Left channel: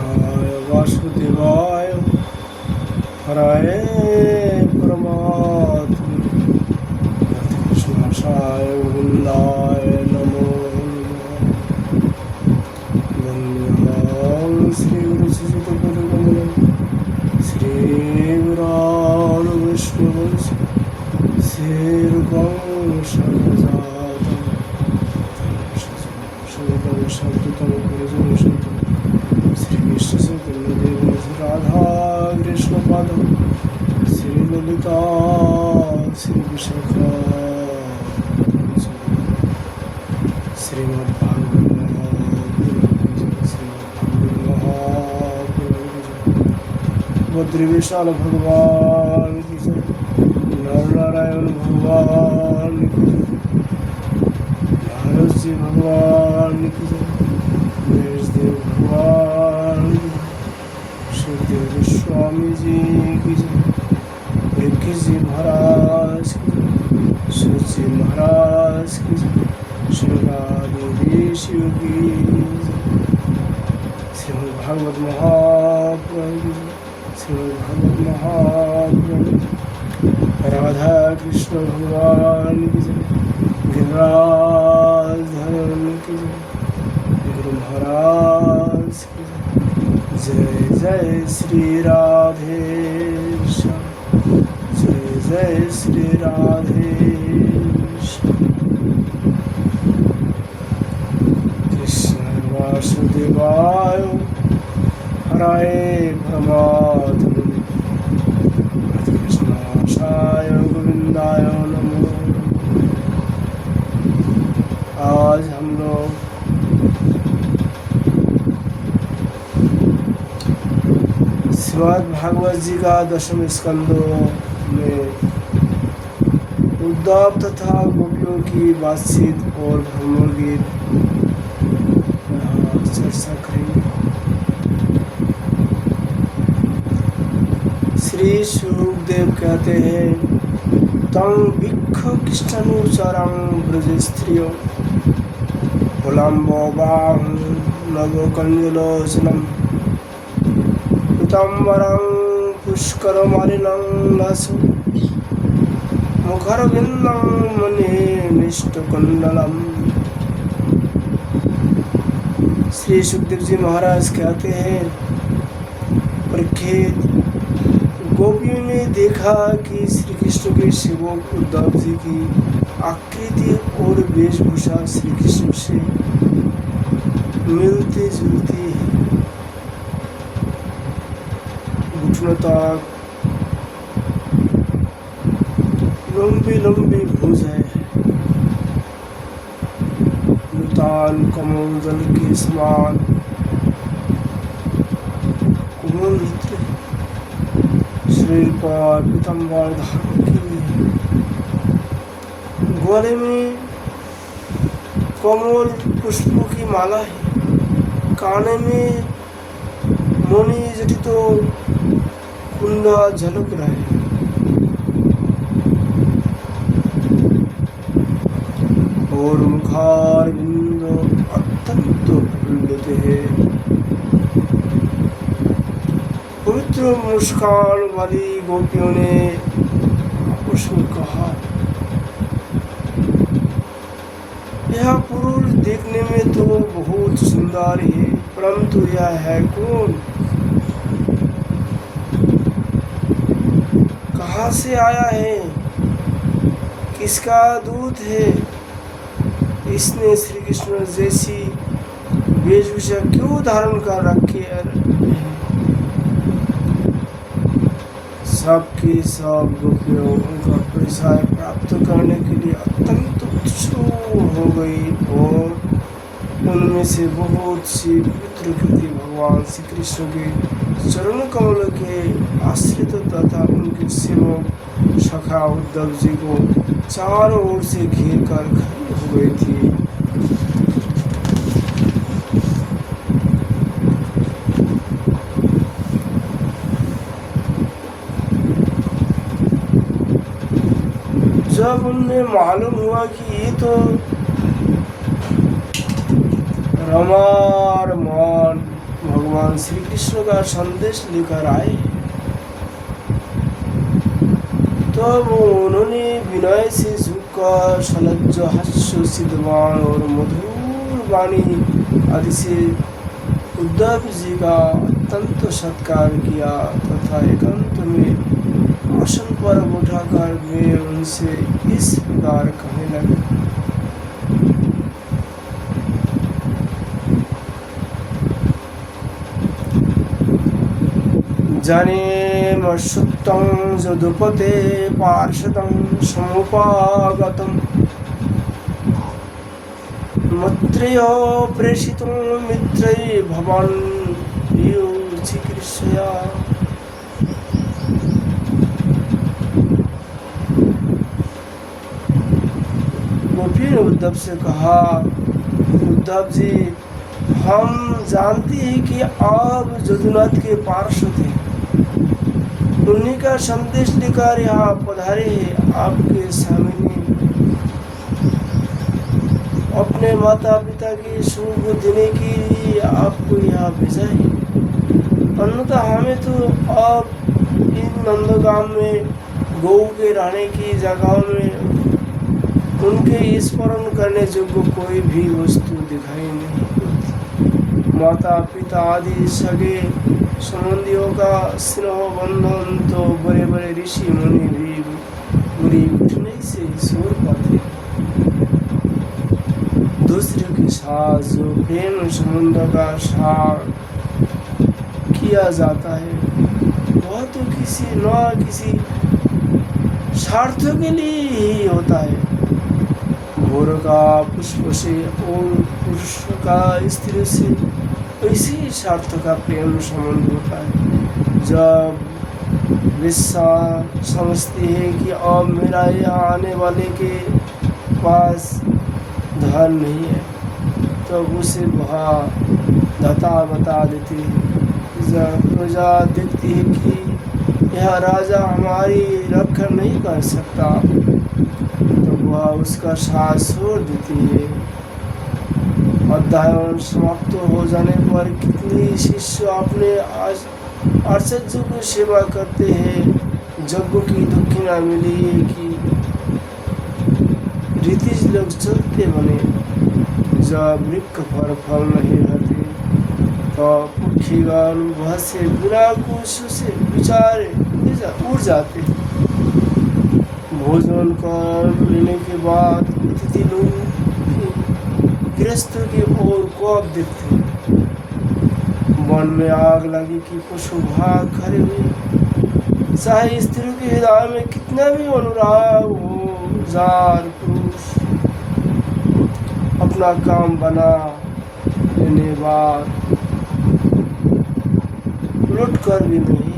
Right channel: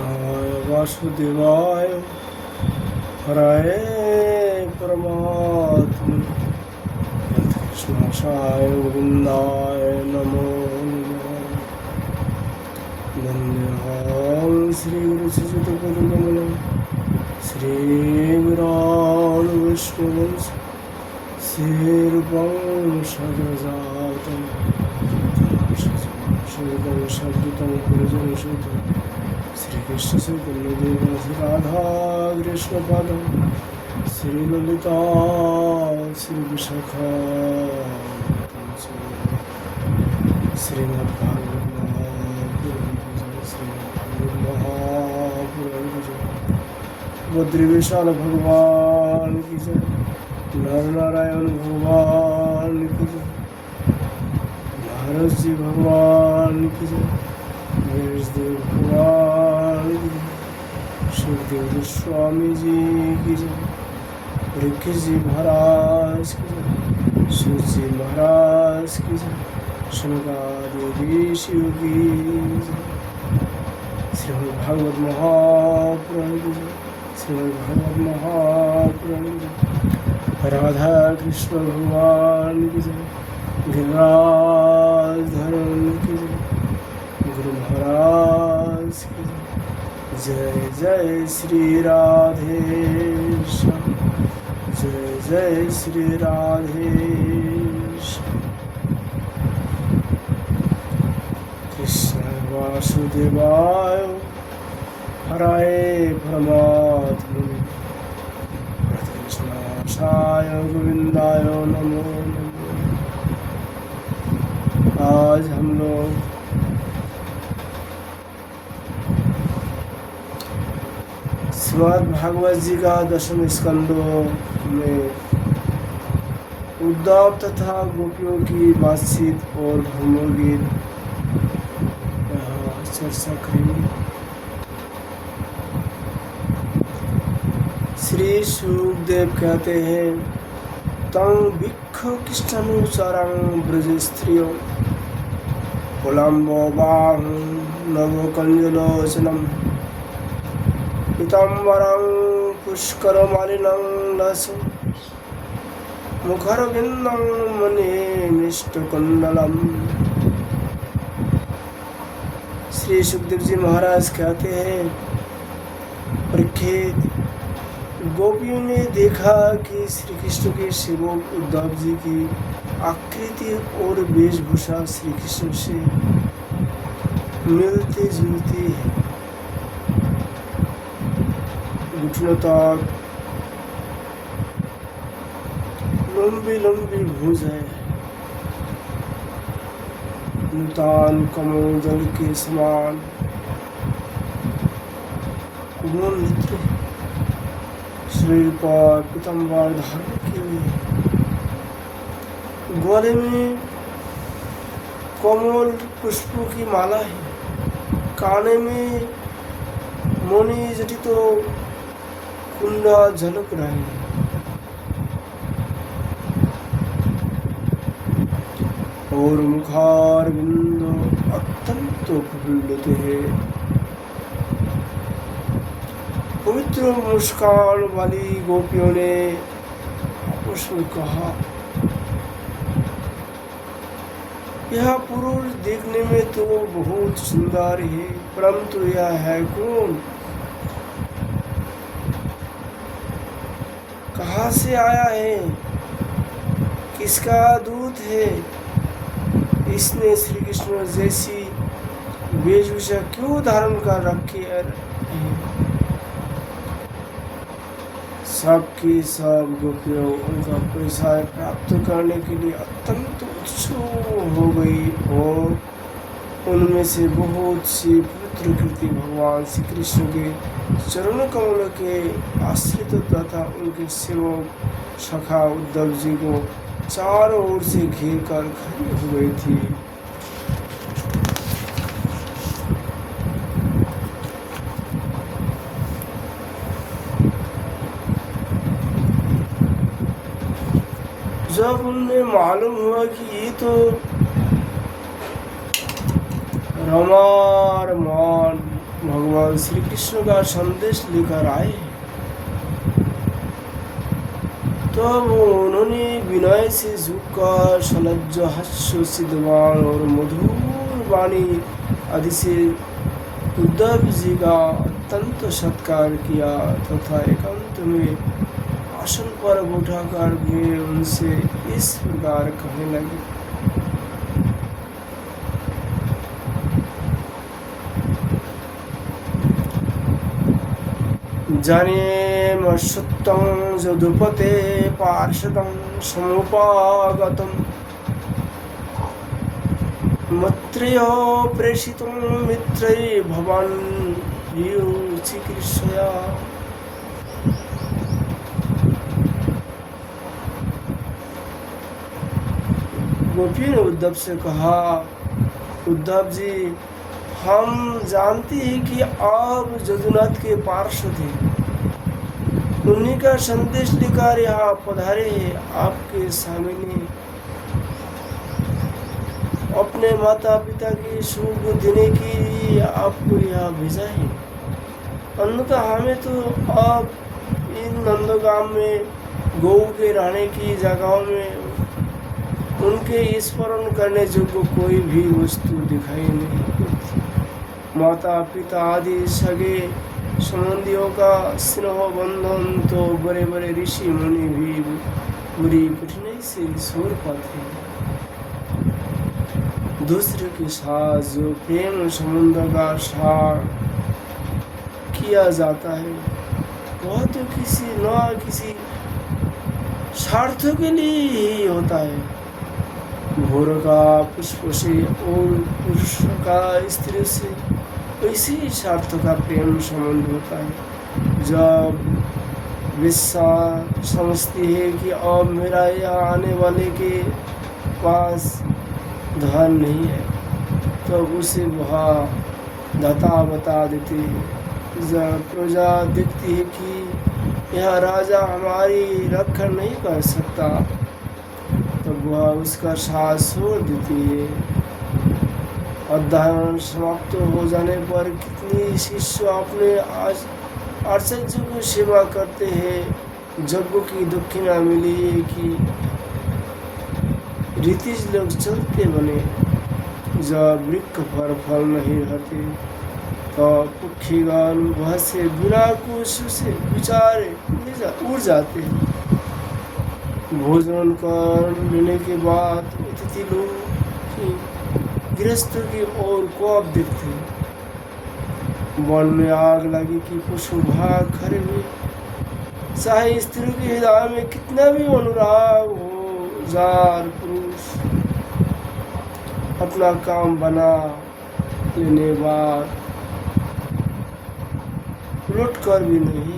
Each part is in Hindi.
कृष्णाय वासुदेवाय हराय परमात्मने कृष्णाय गोविंदाय नमो नमः श्री गुरु श्री विष्णु राधा कृष्ण पाद श्री ललिता श्री विशाखा बद्री विशाल भगवान की जय नारायण भगवान की जय तुलसी भगवान की जय देव भगवान की जय सुखदेव गोस्वामी जी की जय विक्की जी महाराज की जय सूत जी महाराज की जय श्री शिव की जय श्रीमद् भागवत महापुराण की जय श्रीमद् भागवत महापुराण राधा कृष्ण भगवान की जय गिरिराज धर्म की जय गुरु महाराज की जय जय श्री राधे जय जय श्री राधे कृष्ण वासुदेवाय हराय परमात्मने कृष्णाय गोविंदाय नमो। आज हम लोग श्रीमद् भागवत जी का 10वें स्कंदों में उद्धव तथा गोपियों की बातचीत और भ्रमण गीत चर्चा करेंगे। श्री सुखदेव कहते हैं तं भिक्ख कृष्णनुचरं ब्रज स्त्रियो कुलम्बोबां नवकञ्जलोचनं पीताम्बरं पुष्करमलिनं लसं मुखरविन्दं मणिमिष्टकुण्डलम्। श्री सुखदेव जी महाराज कहते हैं परीक्षित, गोपियों ने देखा कि श्री कृष्ण के सेवक उद्धव जी की आकृति और वेशभूषा श्री कृष्ण से मिलती जुलती है। घुटनों तक लंबी लंबी भुजाएं, नूतन कमोदल के समान नेत्र, शरीर पर पीताम्बर धारण किए, गले में कमल पुष्पों की माला है, काने में मणि जटित कुंडा झलक रहा है। और मुखार बिंद अत्यंत प्रफुल्लित है। पवित्र मुस्कान वाली गोपियों ने आपस में कहा, यह पुरुष देखने में तो बहुत सुंदर है, परंतु यह है कौन? कहाँ से आया है? किसका दूत है? इसने श्री कृष्ण जैसी वेशभूषा क्यों धारण कर रखी है? सबके सब गोपियों उनका परिचय प्राप्त करने के लिए अत्यंत उत्सुक हो गई और उनमें से बहुत सी पवित्र कृति भगवान श्री कृष्ण के चरण कमल के आश्रित तथा उनके सेवक सखा उद्धव जी को चारों ओर से घेर कर खड़ी हो गई थी। जब उन्हें मालूम हुआ कि ये तो रमा रमान भगवान भगवान श्री कृष्ण का संदेश लेकर आए। तो उन्होंने विनय से झुककर सलज्ज हास्य सिद्धवान और मधुर वाणी आदि से उद्धव जी का अत्यंत सत्कार किया तथा एकांत में आसन पर उठाकर वे उनसे इस प्रकार कहने लगे। जाने मर्षुत्तं यदुपते पार्षदं समुपागतं मत्रेयो प्रेषितं मित्रै भवान् यो चिकीर्षया। गोपी ने उद्धव से कहा, उद्धव जी, हम जानते हैं कि आप जदुनाथ के पार्षद हैं, उन्हीं का संदेश लेकर यहाँ पधारे हैं। आपके सामने अपने माता पिता की सुख देने के लिए आपको यहाँ भेजा है। अन्यथा हमें तो आप इन नंदगांव में गौ के रहने की जगह में उनके स्मरण करने योग्य कोई भी वस्तु दिखाई नहीं पड़ती। माता पिता आदि सगे संबंधियों का स्नेह बंधन तो बड़े बड़े ऋषि मुनि भी बुरी कठिनाई से छोड़ पाते। दूसरे के साथ जो प्रेम संबंध का सार किया जाता है वह तो किसी न किसी स्वार्थ के लिए ही होता है। घोर का पुष्प से और पुरुष का स्त्री से इसी स्वार्थ का प्रेम संबंध होता है। जब विश्वा समझती है कि अब मेरा यहाँ आने वाले के पास धन नहीं है तो उसे वह धता बता देती है। जब प्रजा देखती है कि यह राजा हमारी रक्षा नहीं कर सकता तो वह उसका साथ छोड़ देती है। अध्ययन समाप्त हो जाने पर कितनी शिष्य अपने आचार्य की सेवा करते हैं। यज्ञ की दक्षिणा मिली कि रीतिज लोग चलते बने। जब वृक्ष पर फल नहीं रहते तो पक्षीगण वह से बिना कुछ से विचारे उड़ जाते। भोजन कर लेने के बाद अतिथि लोग गृहस्थ की ओर कब देखते। वन में आग लगी कि पशु भाग खड़े हुए। चाहे स्त्री के हृदय में कितना भी अनुराग हो, जार पुरुष अपना काम बना लेने बाद लौट कर भी नहीं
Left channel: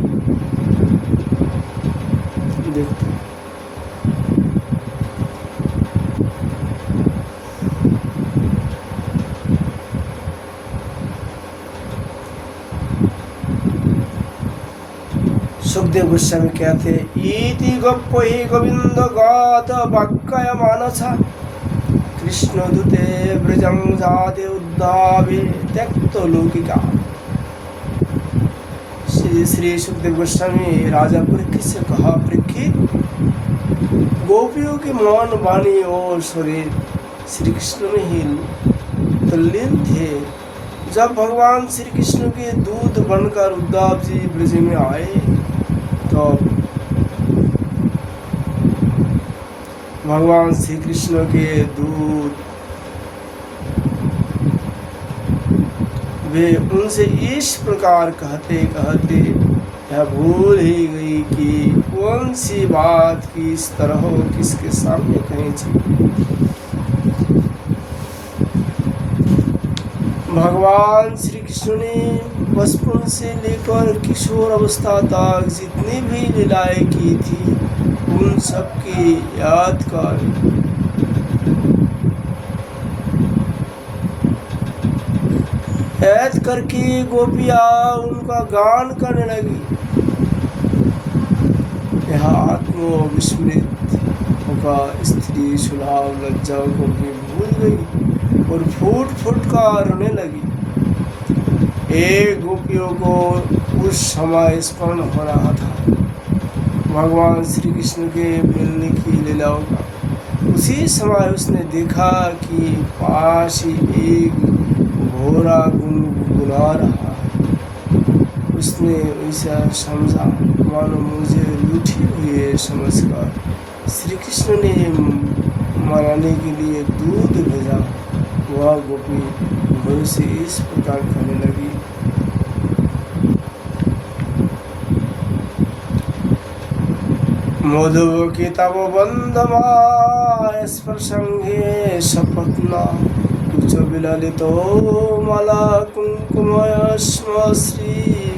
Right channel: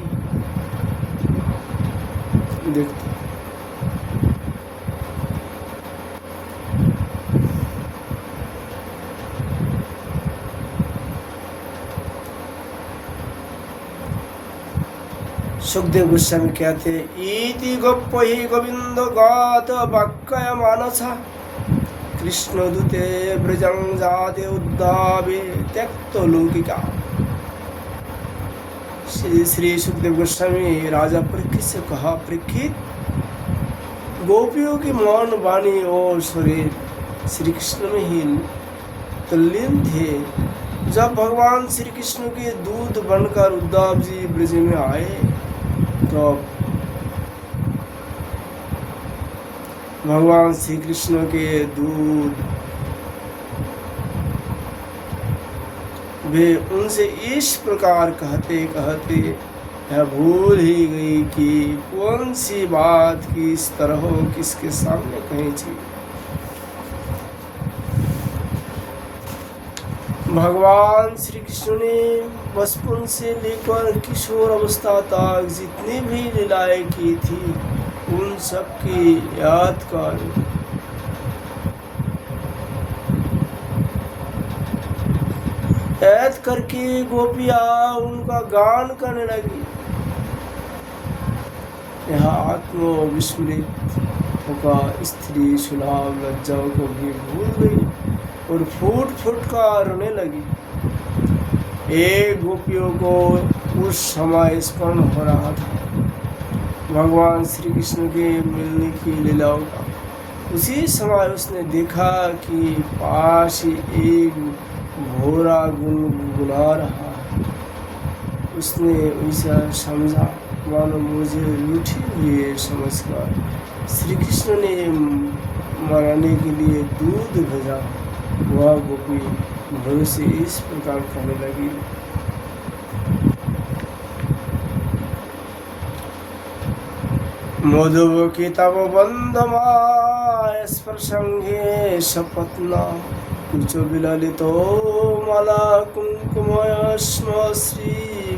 देखते। सुखदेव गोस्वामी कहते इति गप्पहि गोविंद गात वाक्य मानस कृष्ण दूते ब्रजं जाते उद्धावे त्यक्तो लौकिका। श्री सुखदेव गोस्वामी राजा परीक्षित से कहा, परीक्षित, गोपियों के मन वाणी और शरीर श्री कृष्ण में ही तल्लीन थे। जब भगवान श्री कृष्ण के दूत बनकर उद्धव जी ब्रज में आए तो भगवान श्री कृष्ण के दूत वे उनसे इस प्रकार कहते कहते यह भूल ही गई कि कौन सी बात किस तरह हो किसके सामने कहनी चाहिए। भगवान श्री कृष्ण ने बचपन से लेकर किशोर अवस्था तक जितनी भी लीलाएं की थी उन सब की याद करके गोपियाँ उनका गान करने लगी। यह आत्मविस्मृत होकर स्त्री सुनाव लज्जा को भी भूल गई और फूट फूट कर रोने लगी। एक गोपियों को उस समय स्मरण हो रहा था भगवान श्री कृष्ण के मिलने की लीलाओं का। उसी समय उसने देखा कि पास ही एक घोड़ा गुनगुना रहा है। उसने ऐसा समझा मानो मुझे लूटी हुई है समझकर श्री कृष्ण ने मनाने के लिए दूध भेजा। वह गोपी घोड़े से इस प्रकार कहने लगी, मधुव की तब बंधवा स्पर्शंगे सपत्ना कुछ विललितो मला कुंकुमय स्म श्री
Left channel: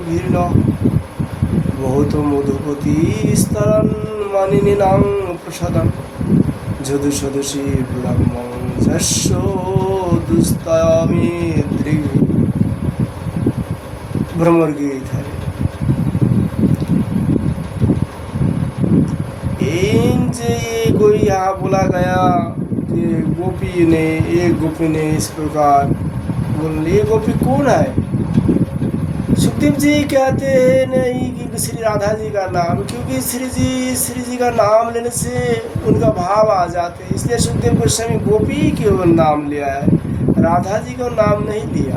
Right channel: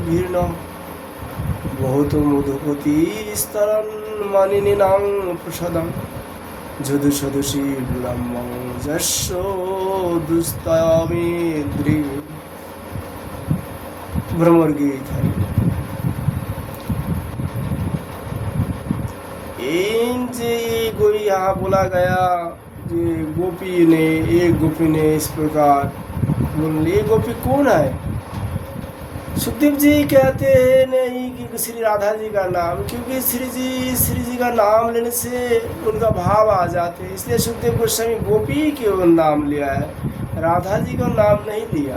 भीर्ण बहुत मधुपति स्तरन मानिनी नाम प्रसादन जदु सदुषी ब्रह्म जस्सो दुस्तयामी द्रिवी भ्रमर गीत है। कोई यहाँ बोला गया कि गोपी ने एक गोपी ने इस प्रकार बोल, ये गोपी कौन है? सुखदेव जी कहते हैं नहीं कि श्री राधा जी का नाम, क्योंकि श्री जी का नाम लेने से उनका भाव आ जाते, इसलिए सुखदेव गोस्वामी गोपी क्यों नाम लिया है, राधा जी का नाम नहीं लिया।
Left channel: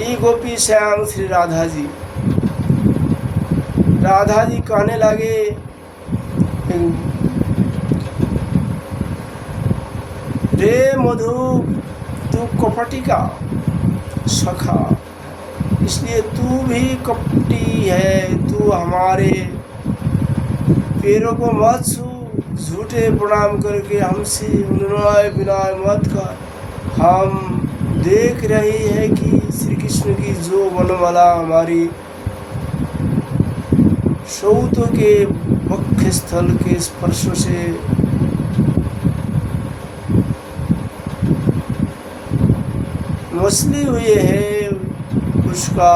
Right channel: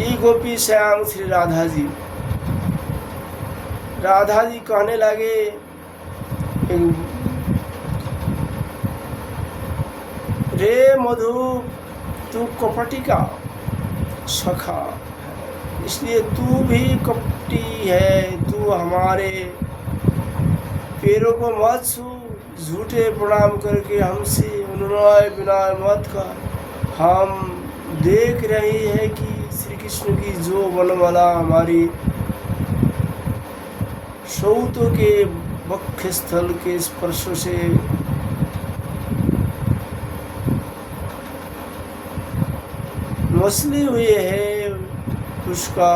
ये गोपी स्वयं श्री राधा जी कहने लगे, रे मधु तू कपटी का सखा, इसलिए तू भी कपटी है, तू हमारे पैरों को मत छू, झूठे प्रणाम करके हमसे विनय विनय मत कर। हम देख रही है कि श्री कृष्ण की जो बनमाला हमारी सौतों के वक्ष स्थल के स्पर्श से मसली हुई है, उसका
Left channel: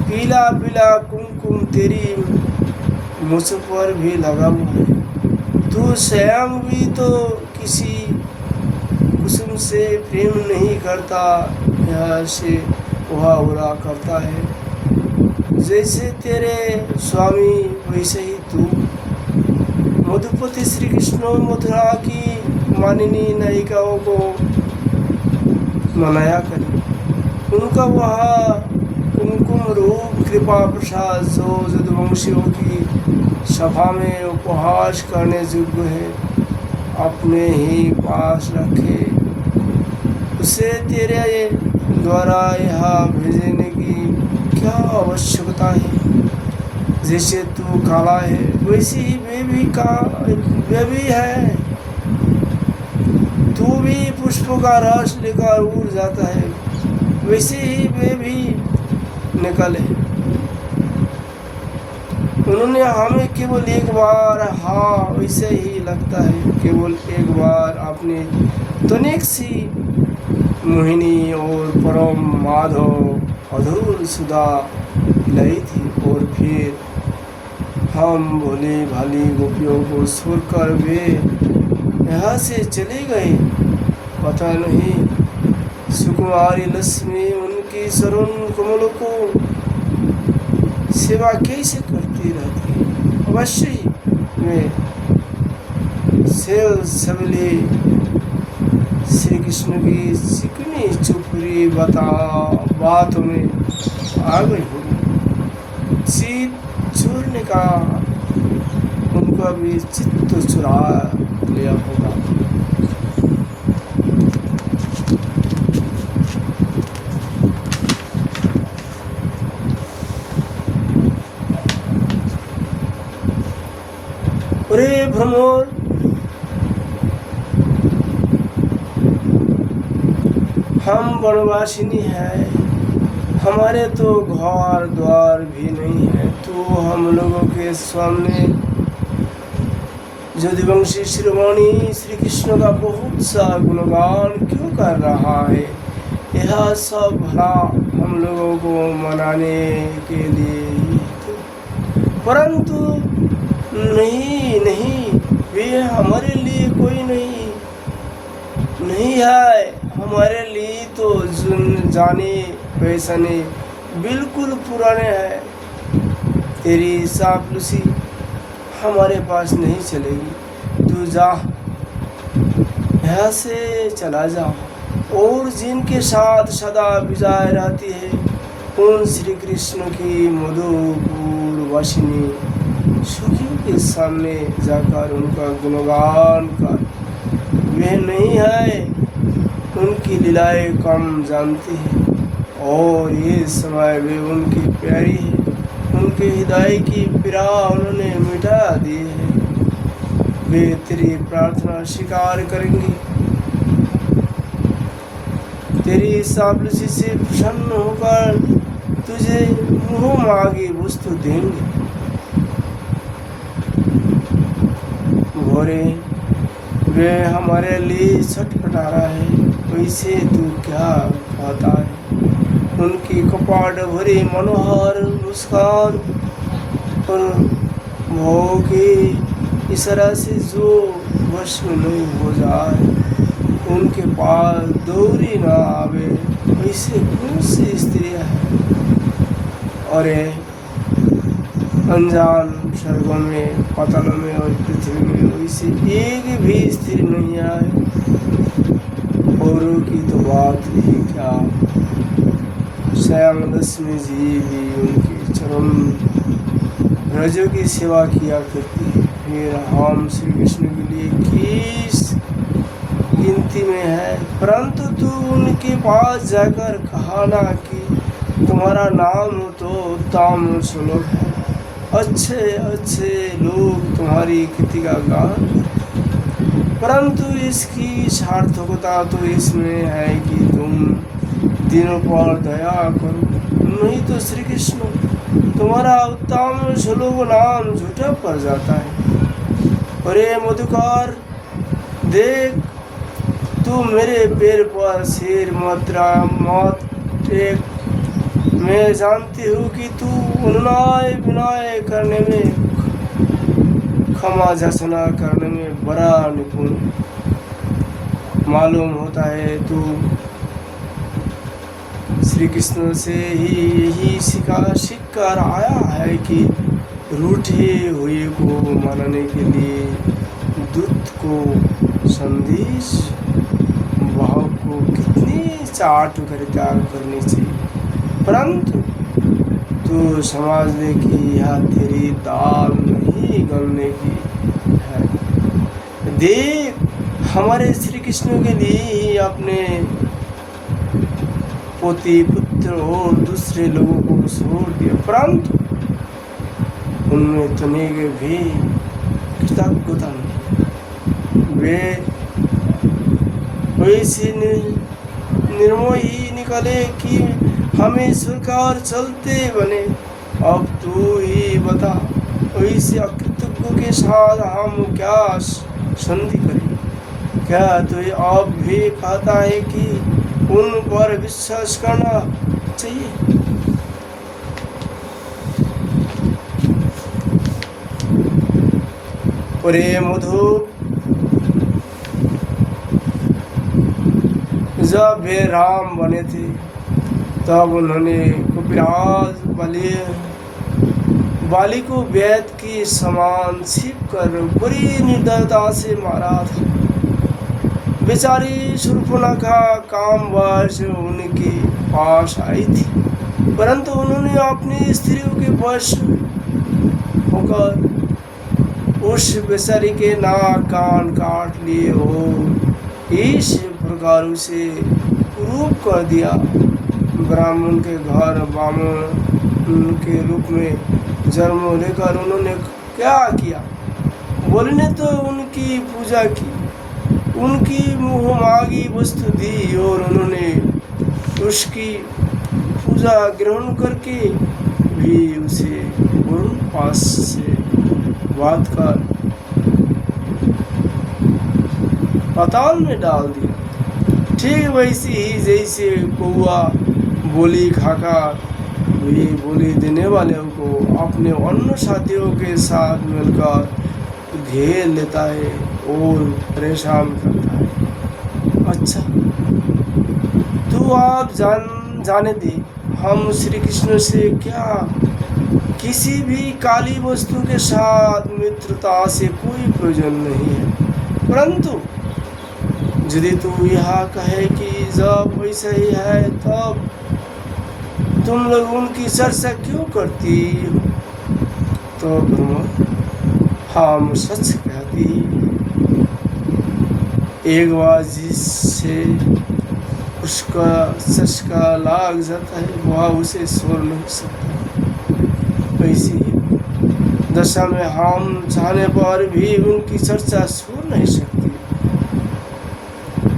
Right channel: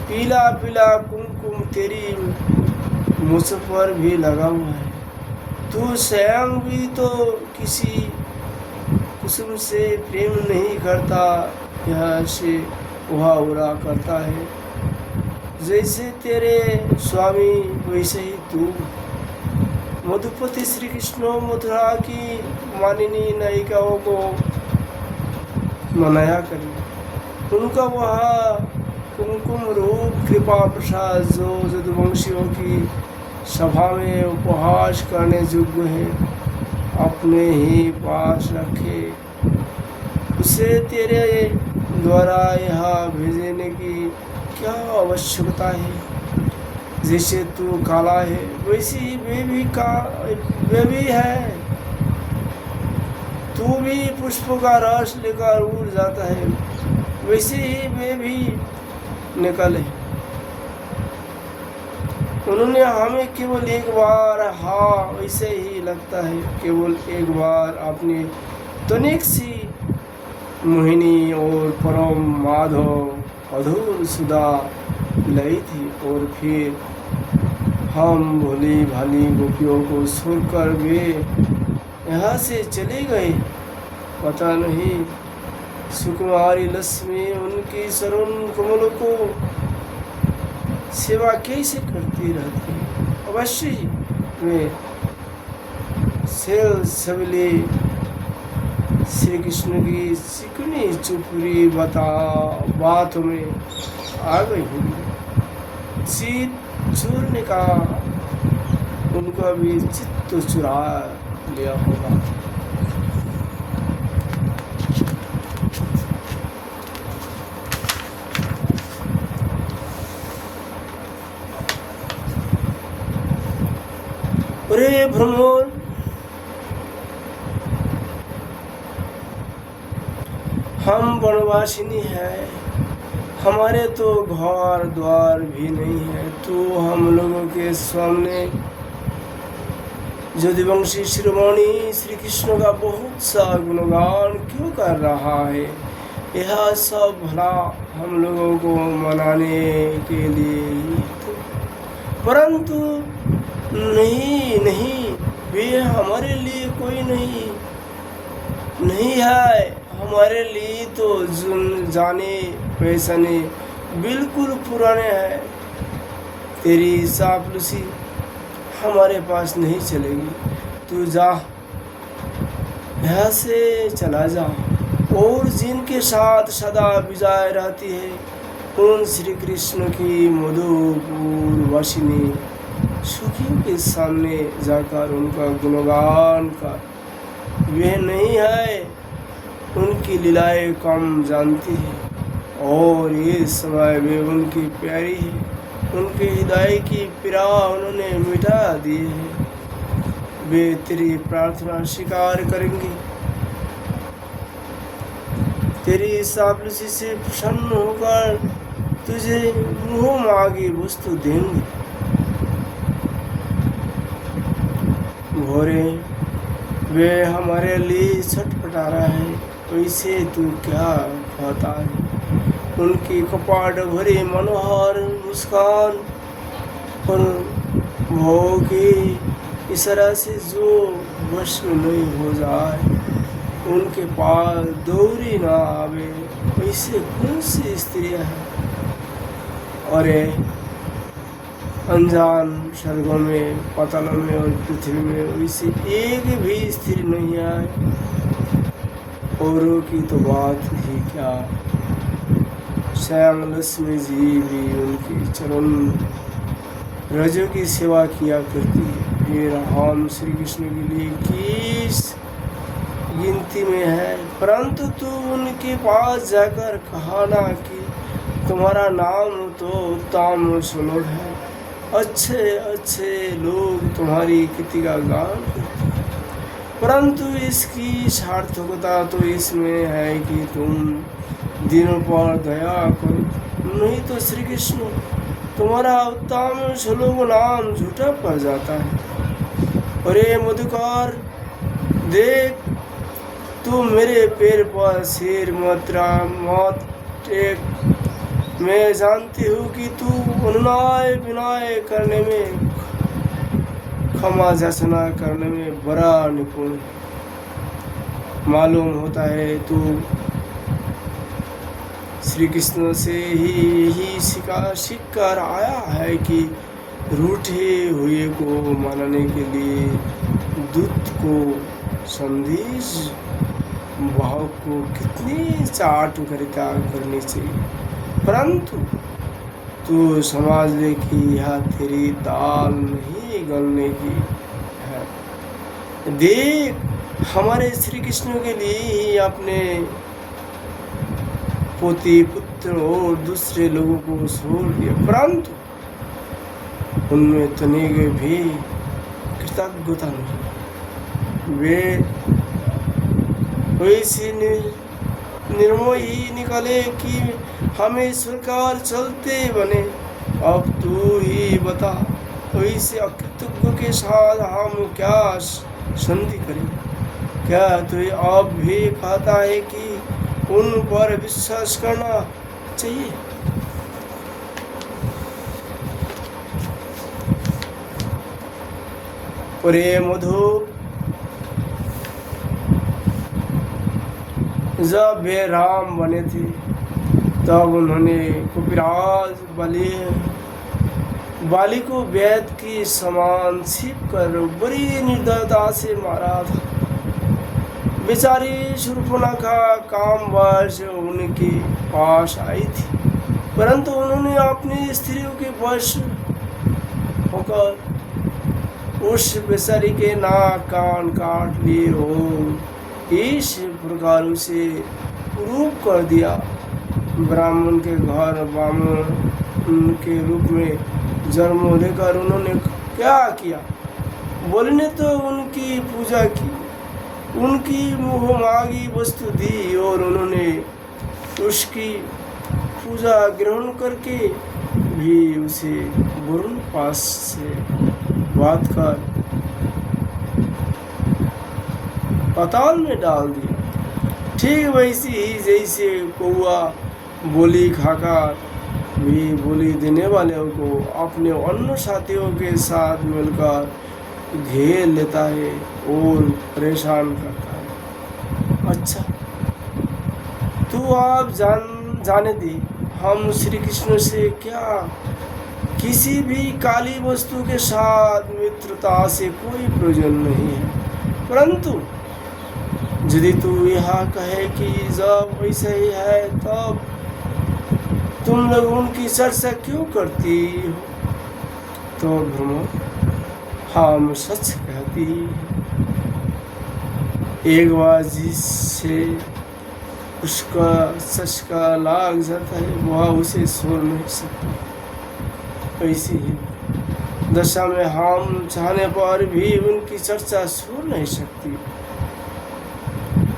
पीला पीला कुमकुम तेरी मुझ पर भी लगा हुआ है। तू स्वयं भी तो किसी कुसुम से प्रेम नहीं करता, यह से वह बुरा करता है। जैसे तेरे स्वामी वैसे ही तू। मधुपति श्री कृष्ण मथुरा की मानिनी नायिकाओं को मनाया करे, उनका वह कुमकुम रूप कृपा प्रसाद जो यदुवंशियों की सभा में उपहास करने योग्य है, अपने ही पास रखे। उसे तेरे द्वारा यहाँ भेजने की क्या आवश्यकता है? जैसे तू काला है वैसे ही वे भी है। तू भी पुष्पों का रस लेकर उड़ जाता है, वैसे ही वे भी निकले। उन्होंने हमें केवल एक बार, हाँ वैसे ही लगता है, केवल एक बार अपने तनिक सी मोहिनी और परम माधव मधुर सुधा लाई थी, और फिर हम भोली भाली गोपियों को छोड़कर वे यहाँ से चले गए। पता नहीं सुकुमारी लक्ष्मी उनकी चरण कमलों को सेवा कैसे करती रहती। अवश्य ही वे सबले श्री कृष्ण की चिकनी चुपड़ी बात में आ गई होगी। चित चूरने का उनका भी चित्त चुरा लिया होगा। अरे भ्रमर, हम वनवासिनी हैं, हमारे तो घर द्वार भी नहीं है, तो हम लोगों के सामने यदुवंशी शिरोमणि श्री कृष्ण का बहुत सा गुणगान क्यों कर रहा है? यह सब भला हम लोगों को मनाने के लिए ही तो, परंतु नहीं, वे हमारे लिए कोई नहीं है। हम हमारे लिए तो जाने पहचाने बिल्कुल पुराने हैं। तेरी चापलूसी हमारे पास नहीं चलेगी। तू जा, यहाँ से चला जा, और जिनके साथ सदा विजय रहती है उन श्री कृष्ण की मधुपुर वासिनी सुखी के सामने जाकर उनका गुणगान कर। वे नहीं है, उनकी लीलाएं कम जानती है, और ये समय वे उनकी प्यारी है। उनके हृदय की पीड़ा उन्होंने मिटा दी है। वे तेरी प्रार्थना स्वीकार करेंगे, तेरी चापलूसी से प्रसन्न होकर तुझे मुँह मांगी वस्तु देंगे। भोरे वे हमारे लिए छटपटा रहा है, वैसे तू क्या खाता है? उनकी कपाट भरी मनोहर मुस्कान पर भोग की इस तरह से जो वश में हो जाए, उनके पास दौरी न आवे, वैसे कौन सी स्त्रियाँ हैं? और अनजान स्वर्गों में, पातालों में और पृथ्वी में वैसे एक भी स्त्री नहीं है। औरों की तो बात ही क्या, स्वयं लक्ष्मी जी भी उनकी चरण रजों की सेवा किया करती है। फिर हम श्री कृष्ण के लिए किस गिनती में है? परंतु तू उनके पास जाकर कहा ना कि तुम्हारा नाम तो उत्तम श्लोक है, अच्छे अच्छे लोग तुम्हारी कृति का गान करते हैं। परंतु इसकी सार्थकता तो इसमें है कि तुम दिनों पर दया करो, नहीं तो श्री कृष्ण तुम्हारा उत्तम श्लोक नाम झूठा पड़ जाता है। अरे मधुकर, देख, तू मेरे पैर पर सिर मत टेक। मैं जानती हूँ कि तू उन्नाय विनय करने में, क्षमा याचना करने में बड़ा निपुण है। मालूम होता है तू श्री कृष्ण से ही यही सीख कर आया है कि रूठे हुए को मनाने के लिए दूत को संदेश भाव को कितनी चाट कर त्याग करनी चाहिए। परंतु तू समझ ले कि यह तेरी दाल नहीं गलने की है। देख, हमारे श्री कृष्ण के लिए ही अपने पोती पुत्र और दूसरे लोगों को छोड़ दिया, परंतु उनमें तनिक भी कृतज्ञता नहीं। वे वैसे निर्मोही निकले कि हमें स्वीकार चलते बने। अब तू ही बता, वैसे अकृतज्ञ के साथ हम क्या संधि करें? क्या तू अब भी कहता है कि उन पर विश्वास करना चाहिए? अरे मधु, जब वे राम बने थे तब उन्होंने कुपिराज बाली को वैद की समान छिप कर बड़ी निर्दयता से मारा था। बेचारी शूर्पणखा कामवश उनके पास आई थी, परंतु उन्होंने अपनी स्त्रियों के वश होकर उस बेचारी के नाक कान काट लिए और इस प्रकार उसे रूप कर दिया। ब्राह्मण के घर बामन के रूप में जन्म लेकर उन्होंने क्या किया? बोलने तो उनकी पूजा की, उनकी मुँह मांगी वस्तु दी और उन्होंने उसकी पूजा ग्रहण करके भी उसे वरुण पास से बात कर पाताल में डाल दी। ठीक वैसे ही जैसे कौआ बोली खाकर वे बोली देने वाले को अपने अन्य साथियों के साथ मिलकर घेर लेता है और परेशान करता है। अच्छा, आप जाने दे, हम श्री कृष्ण से क्या किसी भी काली वस्तु के साथ मित्रता से कोई प्रयोजन नहीं है। परंतु यदि तू यह कहे कि जब वैसा ही है तब तुम लोग उनकी चर्चा क्यों करती हो, तो हम सच कहती, एक बार जिससे उसका चस्का लाग जाता है वह उसे छोड़ नहीं सकता। वैसे ही दशा में हम चाहने पर भी उनकी चर्चा छोड़ नहीं सकती।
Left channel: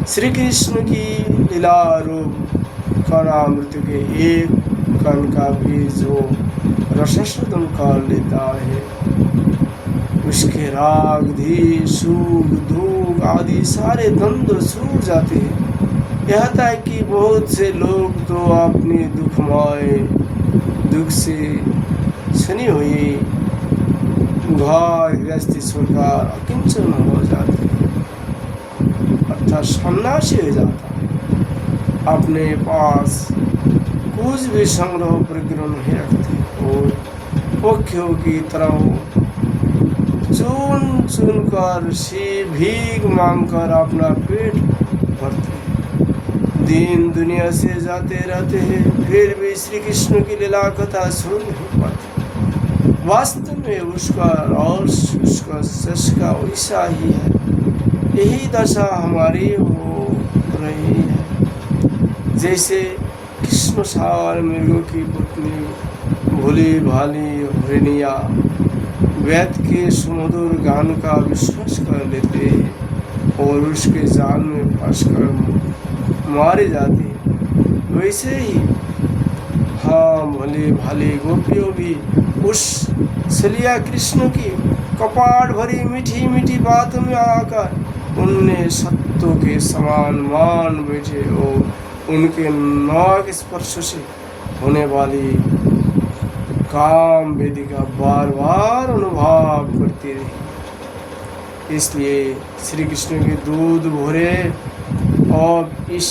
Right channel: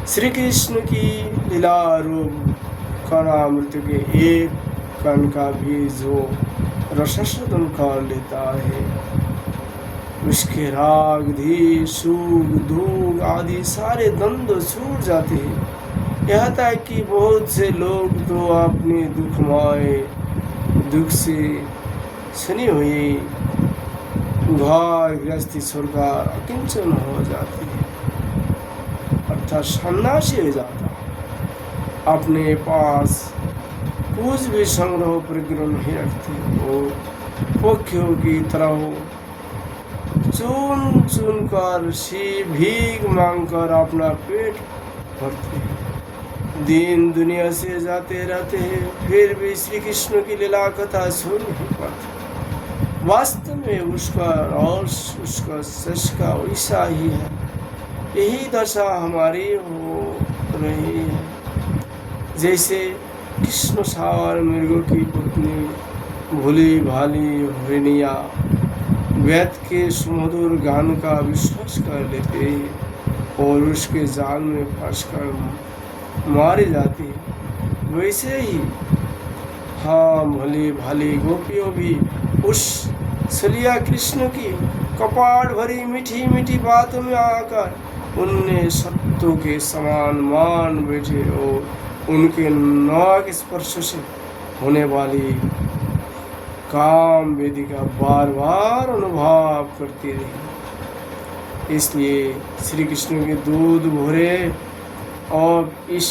श्री कृष्ण की लीला रूप करुणामृत के एक कण का भी जो रसास्वादन कर लेता है, उसके राग धी सुख दुख आदि सारे द्वंद्व छूट जाते हैं। यहाँ तक कि बहुत से लोग तो अपने दुख से सनी हुई घर गृहस्थी छोड़कर अकिंचन हो जाते हैं, अर्थात सन्यासी हो जाता है। अपने पास कुछ भी संग्रह परिग्रह नहीं रखते और पक्षियों की तरह चुन चुन कर भीख मांग कर अपना पेट भरते हैं, दिन दुनिया से जाते रहते हैं, फिर भी श्री कृष्ण की लीला कथा सुन नहीं पाते। वास्तव में उसका और उसका चस्का वैसा ही है। यही दशा हमारी हो रही है। जैसे कृष्ण सार मृगों की पत्नी भोली भाली हिरनिया वेद के सुमधुर गान का विश्वास कर लेते हैं और उसके जाल में फंसकर मारी जाती है, वैसे ही हाँ भली भाली गोपियों भी उस सलिया कृष्ण की कपाट भरी मीठी मीठी बातों में आकर उनने सत्तों के समान मान बैठे और उनके नाक स्पर्श से होने वाली काम वेदिका बार बार अनुभव करती रही। इसलिए श्री कृष्ण के दूध भरे और इस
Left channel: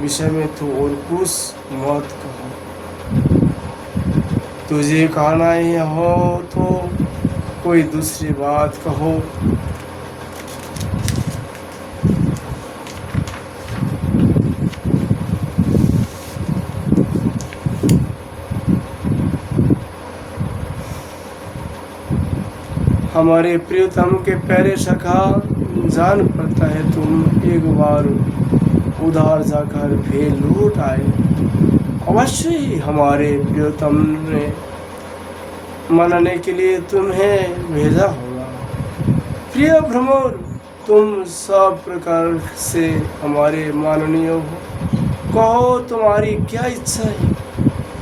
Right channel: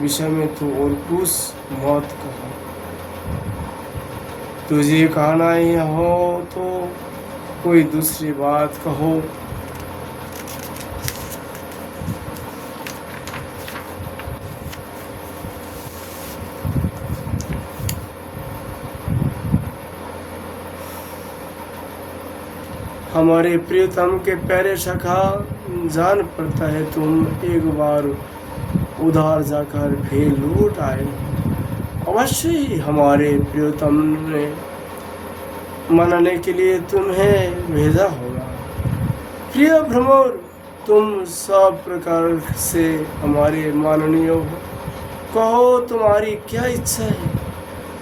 विषय में तो और कुछ मत कहो। तुझे कहना ही हो तो कोई दूसरी बात कहो। हमारे प्रियतम के प्यारे सखा, जान पड़ता है तुम एक बार उधार जाकर भी लूट आए। अवश्य ही हमारे प्रियतम ने मनाने के लिए तुम्हें भेजा होगा। प्रिय भ्रमर, तुम सब प्रकार से हमारे माननीय हो। कहो तुम्हारी क्या इच्छा है,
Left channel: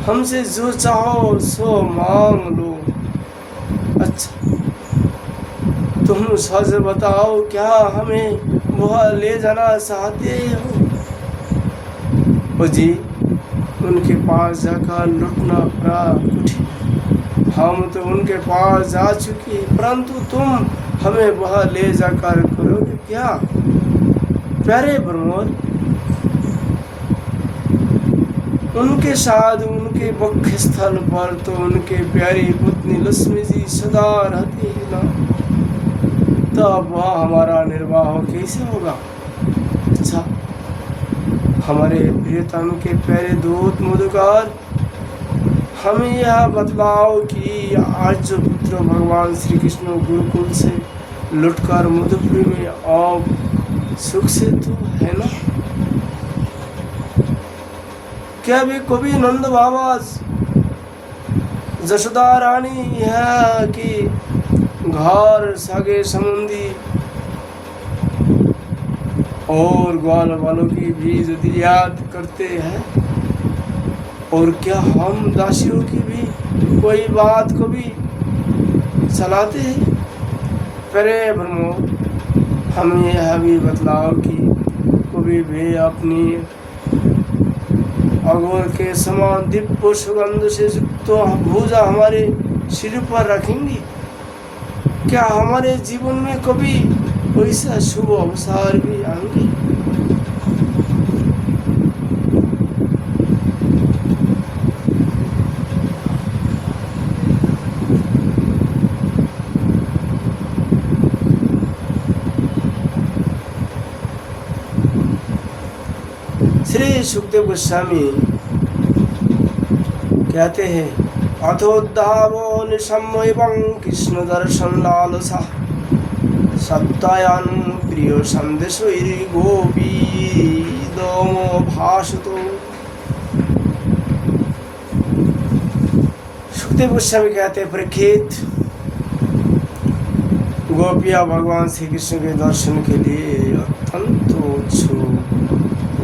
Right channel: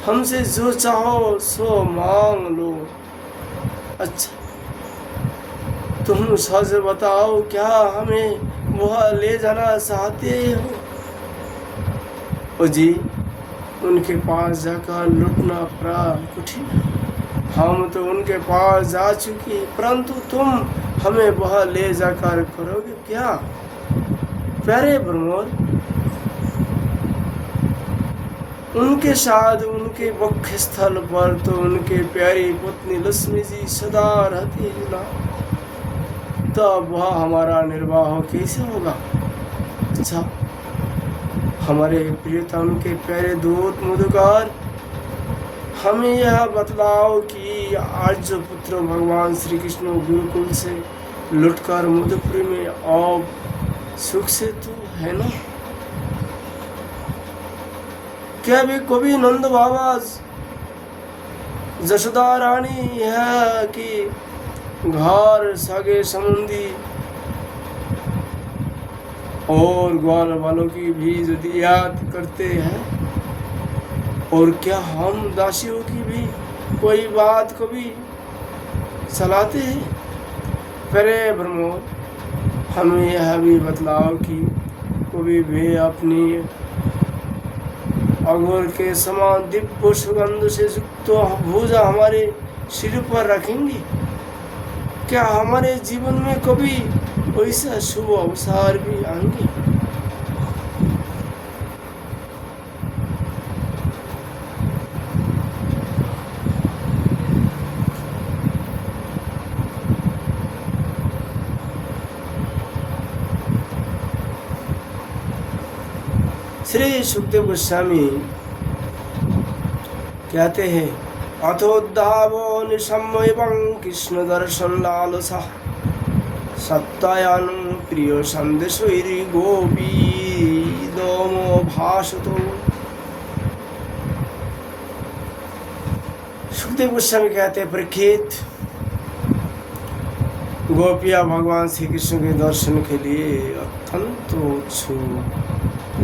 हमसे जो चाहो सो मांग लो। अच्छा तुम सच बताओ, क्या हमें वह ले जाना चाहते हो? जी, उनके पास जाकर लौटना बड़ा कठिन। हम तो उनके पास जा चुके, परंतु तुम हमें वह ले जाकर करोगे क्या? प्यारे ब्रह्मर, उनके साथ उनके मुख्य स्थल पर तो उनके प्यारी पत्नी लक्ष्मी जी सदा रहती है ना, तब वह हमारा निर्वाह कैसे होगा? अच्छा हमारे प्रियतम के प्यारे दूत मधुकार, हमें यह बतलाओ कि आज जो पुत्र भगवान श्री कृष्ण गुरुकुल से लुटकर मधुपुरी में अब सुख से तो है ना? क्या भी कभी नंद बाबा जशोदा रानी है कि घर सगे संबंधी और ग्वाल वालों की भी यदि याद करते हैं, और क्या हम दासियों की भी कोई बात को भी चलाते हैं? करे ब्रह्मो, हमें यह भी बतलाओ कि कभी भी अपनी अघोर के समान दिव्य सुगंध से युक्त भुजा हमारे सिर पर रखेंगे? क्या हमारे जीवन में कभी वैसा शुभ अवसर भी आएंगे? सुखदेव गोस्वामी कहते हैं, अथोद्धावो निशम्यं कृष्ण दर्शन लालसा सत्तायन प्रिय संदेशैरि गोपी दोमो भासतो। सुखदेव गोस्वामी कहते हैं, परीक्षित, गोपियाँ भगवान श्री कृष्ण के दर्शन के लिए अत्यंत उत्सुक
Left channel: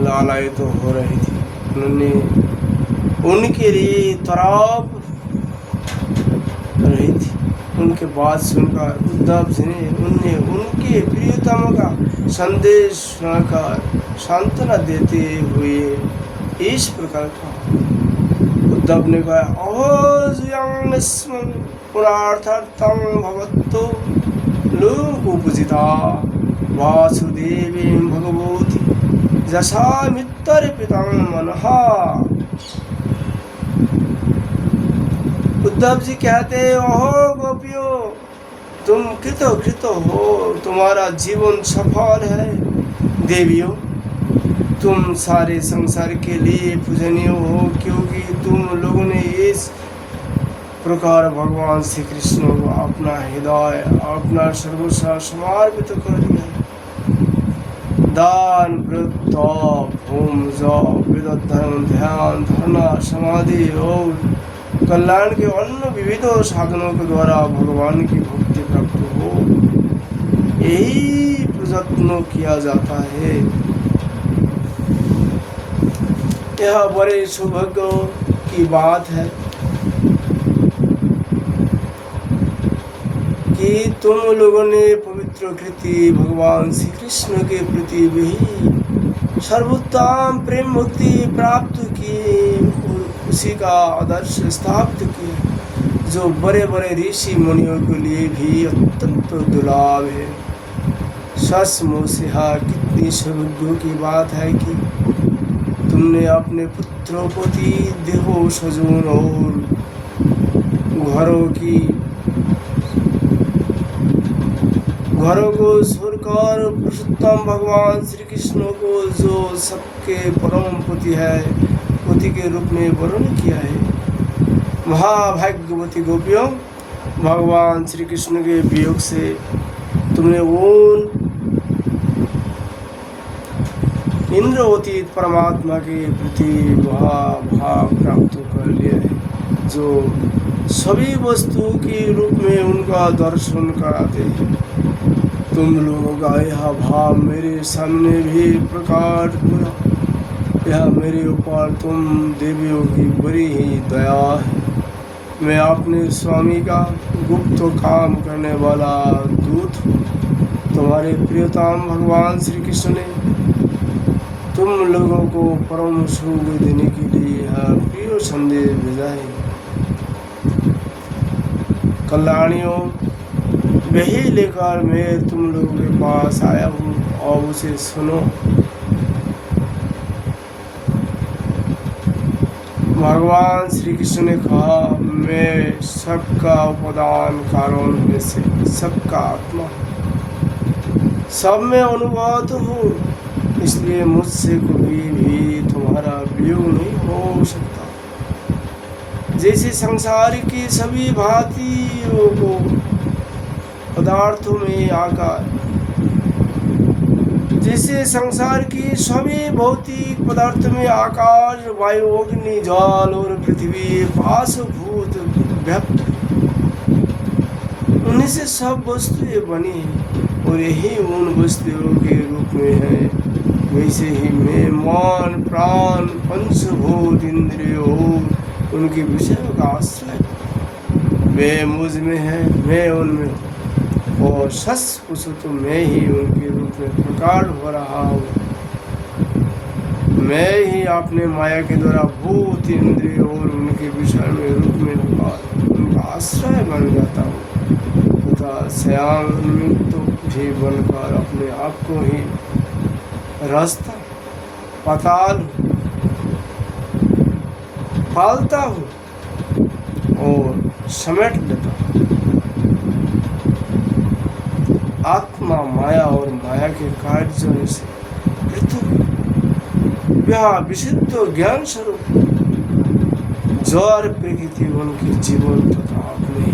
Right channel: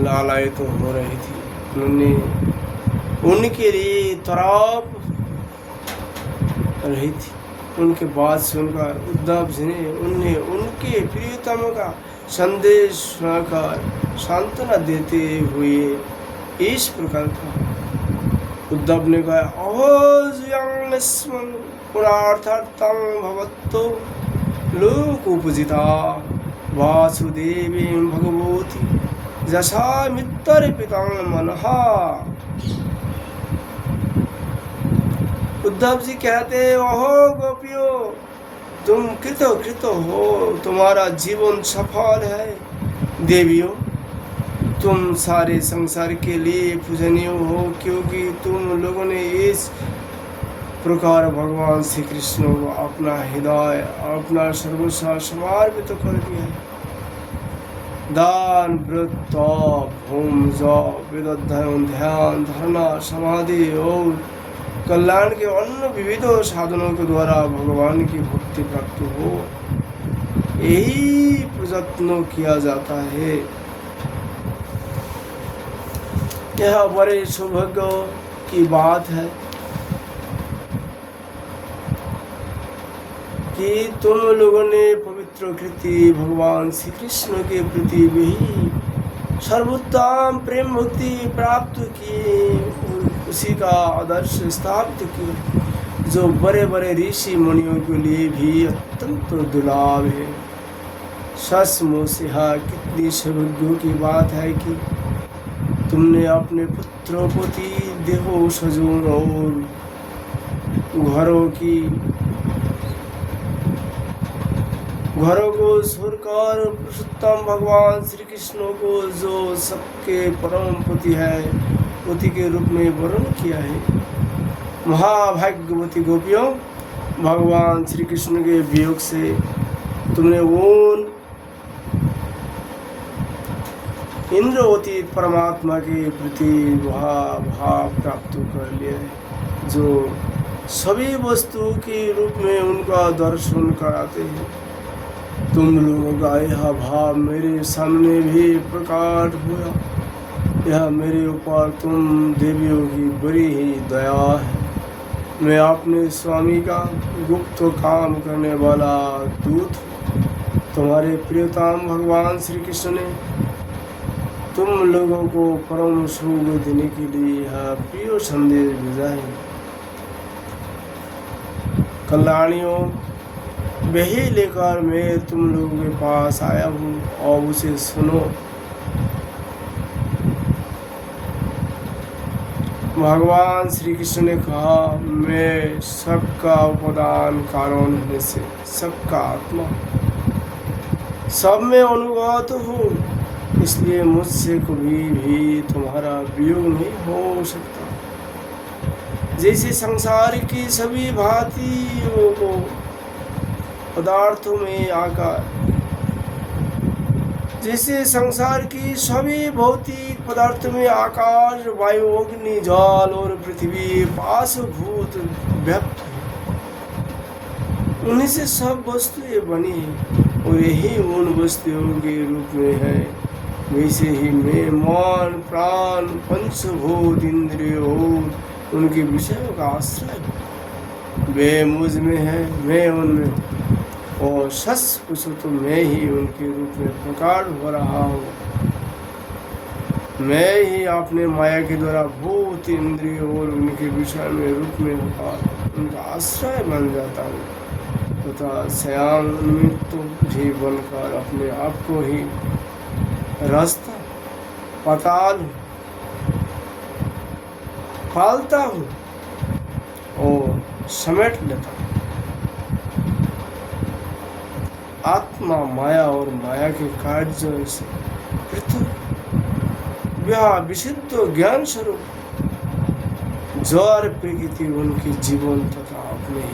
लालायित हो रही थी। उन्होंने उनके लिए तड़प रही थी। उनके बात सुनकर उद्धव जी ने उन्हें उनके प्रियतम का संदेश सुनाकर सांत्वना देते हुए इस प्रकार कहा। उद्धव ने कहा, अहोज्यं पुरार्थार्थं भवतो लोकोपजिता वासुदेवी भगवती यशामित्यर्पितं मनः। उद्धव जी कहते हैं, ओहो गोपियों, तुम कृत हो, तुम्हारा जीवन सफल है। देवियों, तुम सारे संसार के लिए पूजनीय हो, क्योंकि तुम लोगों ने इस प्रकार भगवान श्री कृष्ण को अपना हृदय, अपना सर्वस्व समर्पित कर दिया। दान, व्रत, तप, होम, जप, वेद अध्ययन, ध्यान, धारणा, समाधि और कल्याण के अन्य विविध साधनों के द्वारा भगवान की भक्ति प्राप्त हो, यही प्रयत्न किया जाता है। यह बड़े सौभाग्य की बात है कि तुम लोगों ने पवित्र कृति भगवान श्री कृष्ण के प्रति भी सर्वोत्तम प्रेम भक्ति प्राप्त की, उसी का आदर्श स्थापित की, जो बड़े बड़े ऋषि मुनियों के लिए भी अत्यंत दुर्लभ है। सचमुच यह कितनी सौभाग्य की बात है कि तुमने अपने पुत्रों, पति, देवों, स्वजन और घरों को छोड़कर पुरुषोत्तम भगवान श्री कृष्ण को, जो सबके परम पति है, पति के रूप में वर्ण किया है। महाभाग्यवती गोपियों, भगवान श्री कृष्ण के वियोग से तुमने उन इंद्रवती परमात्मा के प्रति भाव प्राप्त कर लिया है, जो सभी वस्तु के रूप में उनका दर्शन कराते हैं। तुम लोगों का यह भाव मेरे सामने भी प्रकट हुआ। यह मेरे ऊपर तुम देवियों की बड़ी ही दया है। मैं अपने स्वामी का गुप्त काम करने वाला दूत हूँ। तुम्हारे प्रियतम भगवान श्री कृष्ण ने तुम लोगों को परम सुख देने के लिए यह प्रिय संदेश भेजा है। कल्याणियों, वही लेकर मैं तुम लोगों के पास आया हूँ, और उसे सुनो। भगवान श्री कृष्ण ने कहा, मैं सबका उपादान कारण में से सबका आत्मा, सब में अनुगत हूँ, इसलिए मुझसे कभी भी तुम्हारा वियोग नहीं हो सकता। जैसे संसार की सभी भांतियों को पदार्थों में आकार, जैसे संसार की सभी भौतिक पदार्थों में आकाश, वायु, अग्नि, जल और पृथ्वी पाशभूत व्यक्त, उन्हीं से सब वस्तुएं बनी हैं और यही उन वस्तुओं के रूप में है। वैसे ही मैं मन, प्राण, पंचभूत इंद्रियों और उनके विषयों का आश्रय, वे मुझ में है, मैं उनमें, और सच पूछो तो मैं ही उनके रूप में प्रकट हो रहा हूँ। मैं ही अपने माया के द्वारा भूत, इंद्रिय और उनके विषय में रूप में होकर उनका आश्रय बन जाता हूँ तथा श्याम मृत्यु भी बनकर अपने आप को ही रास्ता पाताल पालता हूँ और समेट लेता हूँ। आत्मा माया और माया के कार्यों से पृथक, वह विशुद्ध ज्ञान स्वरूप जड़ प्रकृति उनके जीवन तथा अपने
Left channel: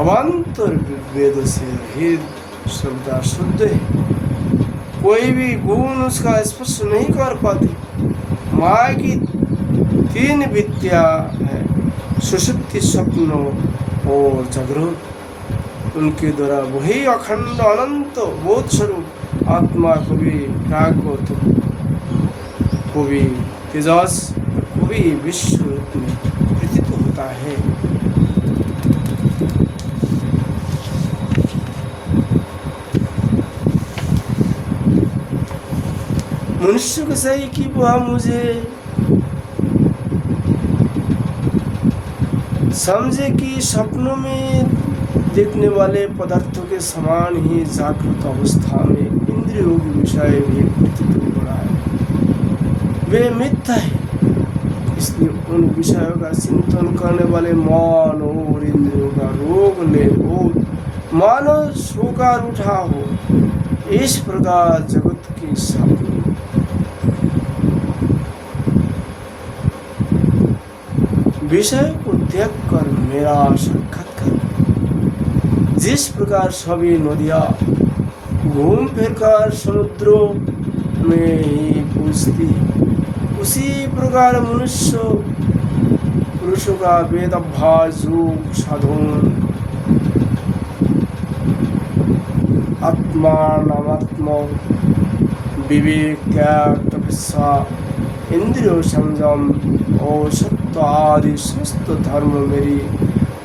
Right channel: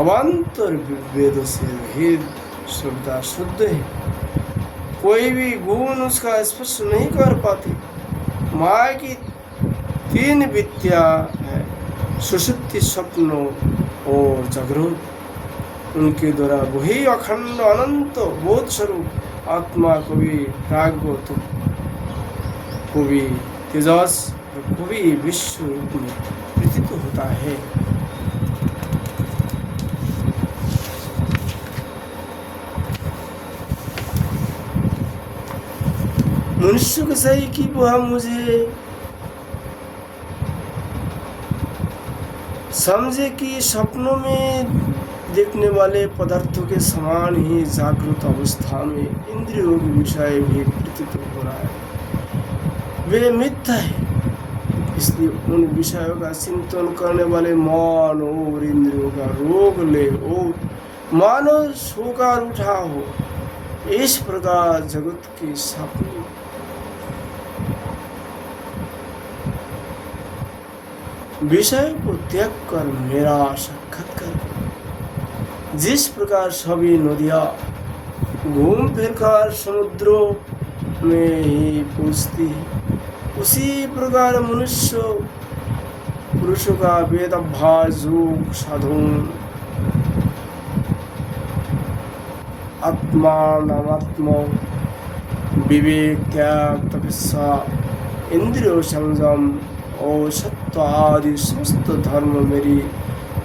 अवान्तर वेद से भेद श्रद्धा शुद्ध है। कोई भी गुण उसका स्पर्श नहीं कर पाते। माया की 3 विद्या है, सुषुप्ति, स्वप्न और जागृत। उनके द्वारा वही अखंड अनंत बोध स्वरूप आत्मा को भी प्रागवत, को भी तेजस, को भी विश्व रूप में प्रतीत होता है। मनुष्य को सही कि वह मुझे समझे कि सपनों में देखने वाले पदार्थों के समान ही जागृत अवस्था में इंद्रियों के विषय भी प्रतीत हो रहा है। वे मिथ्या है, इसलिए उन विषयों का चिंतन करने वाले मन और इंद्रियों का रोग ले और मानो सोकर उठा हो। इस प्रकार जगत के सपने विषय को त्याग कर मेरा साक्षात कर। जिस प्रकार सभी नदियां घूम फिर कर समुद्रों में ही पूछती है, उसी प्रकार मनुष्य पुरुषों का वेद अभ्यास, योग, साधन, आत्मा नामात्मा, विवेक, त्याग, तपस्या, इंद्रियों संयम और सत्य आदि समस्त धर्म मेरी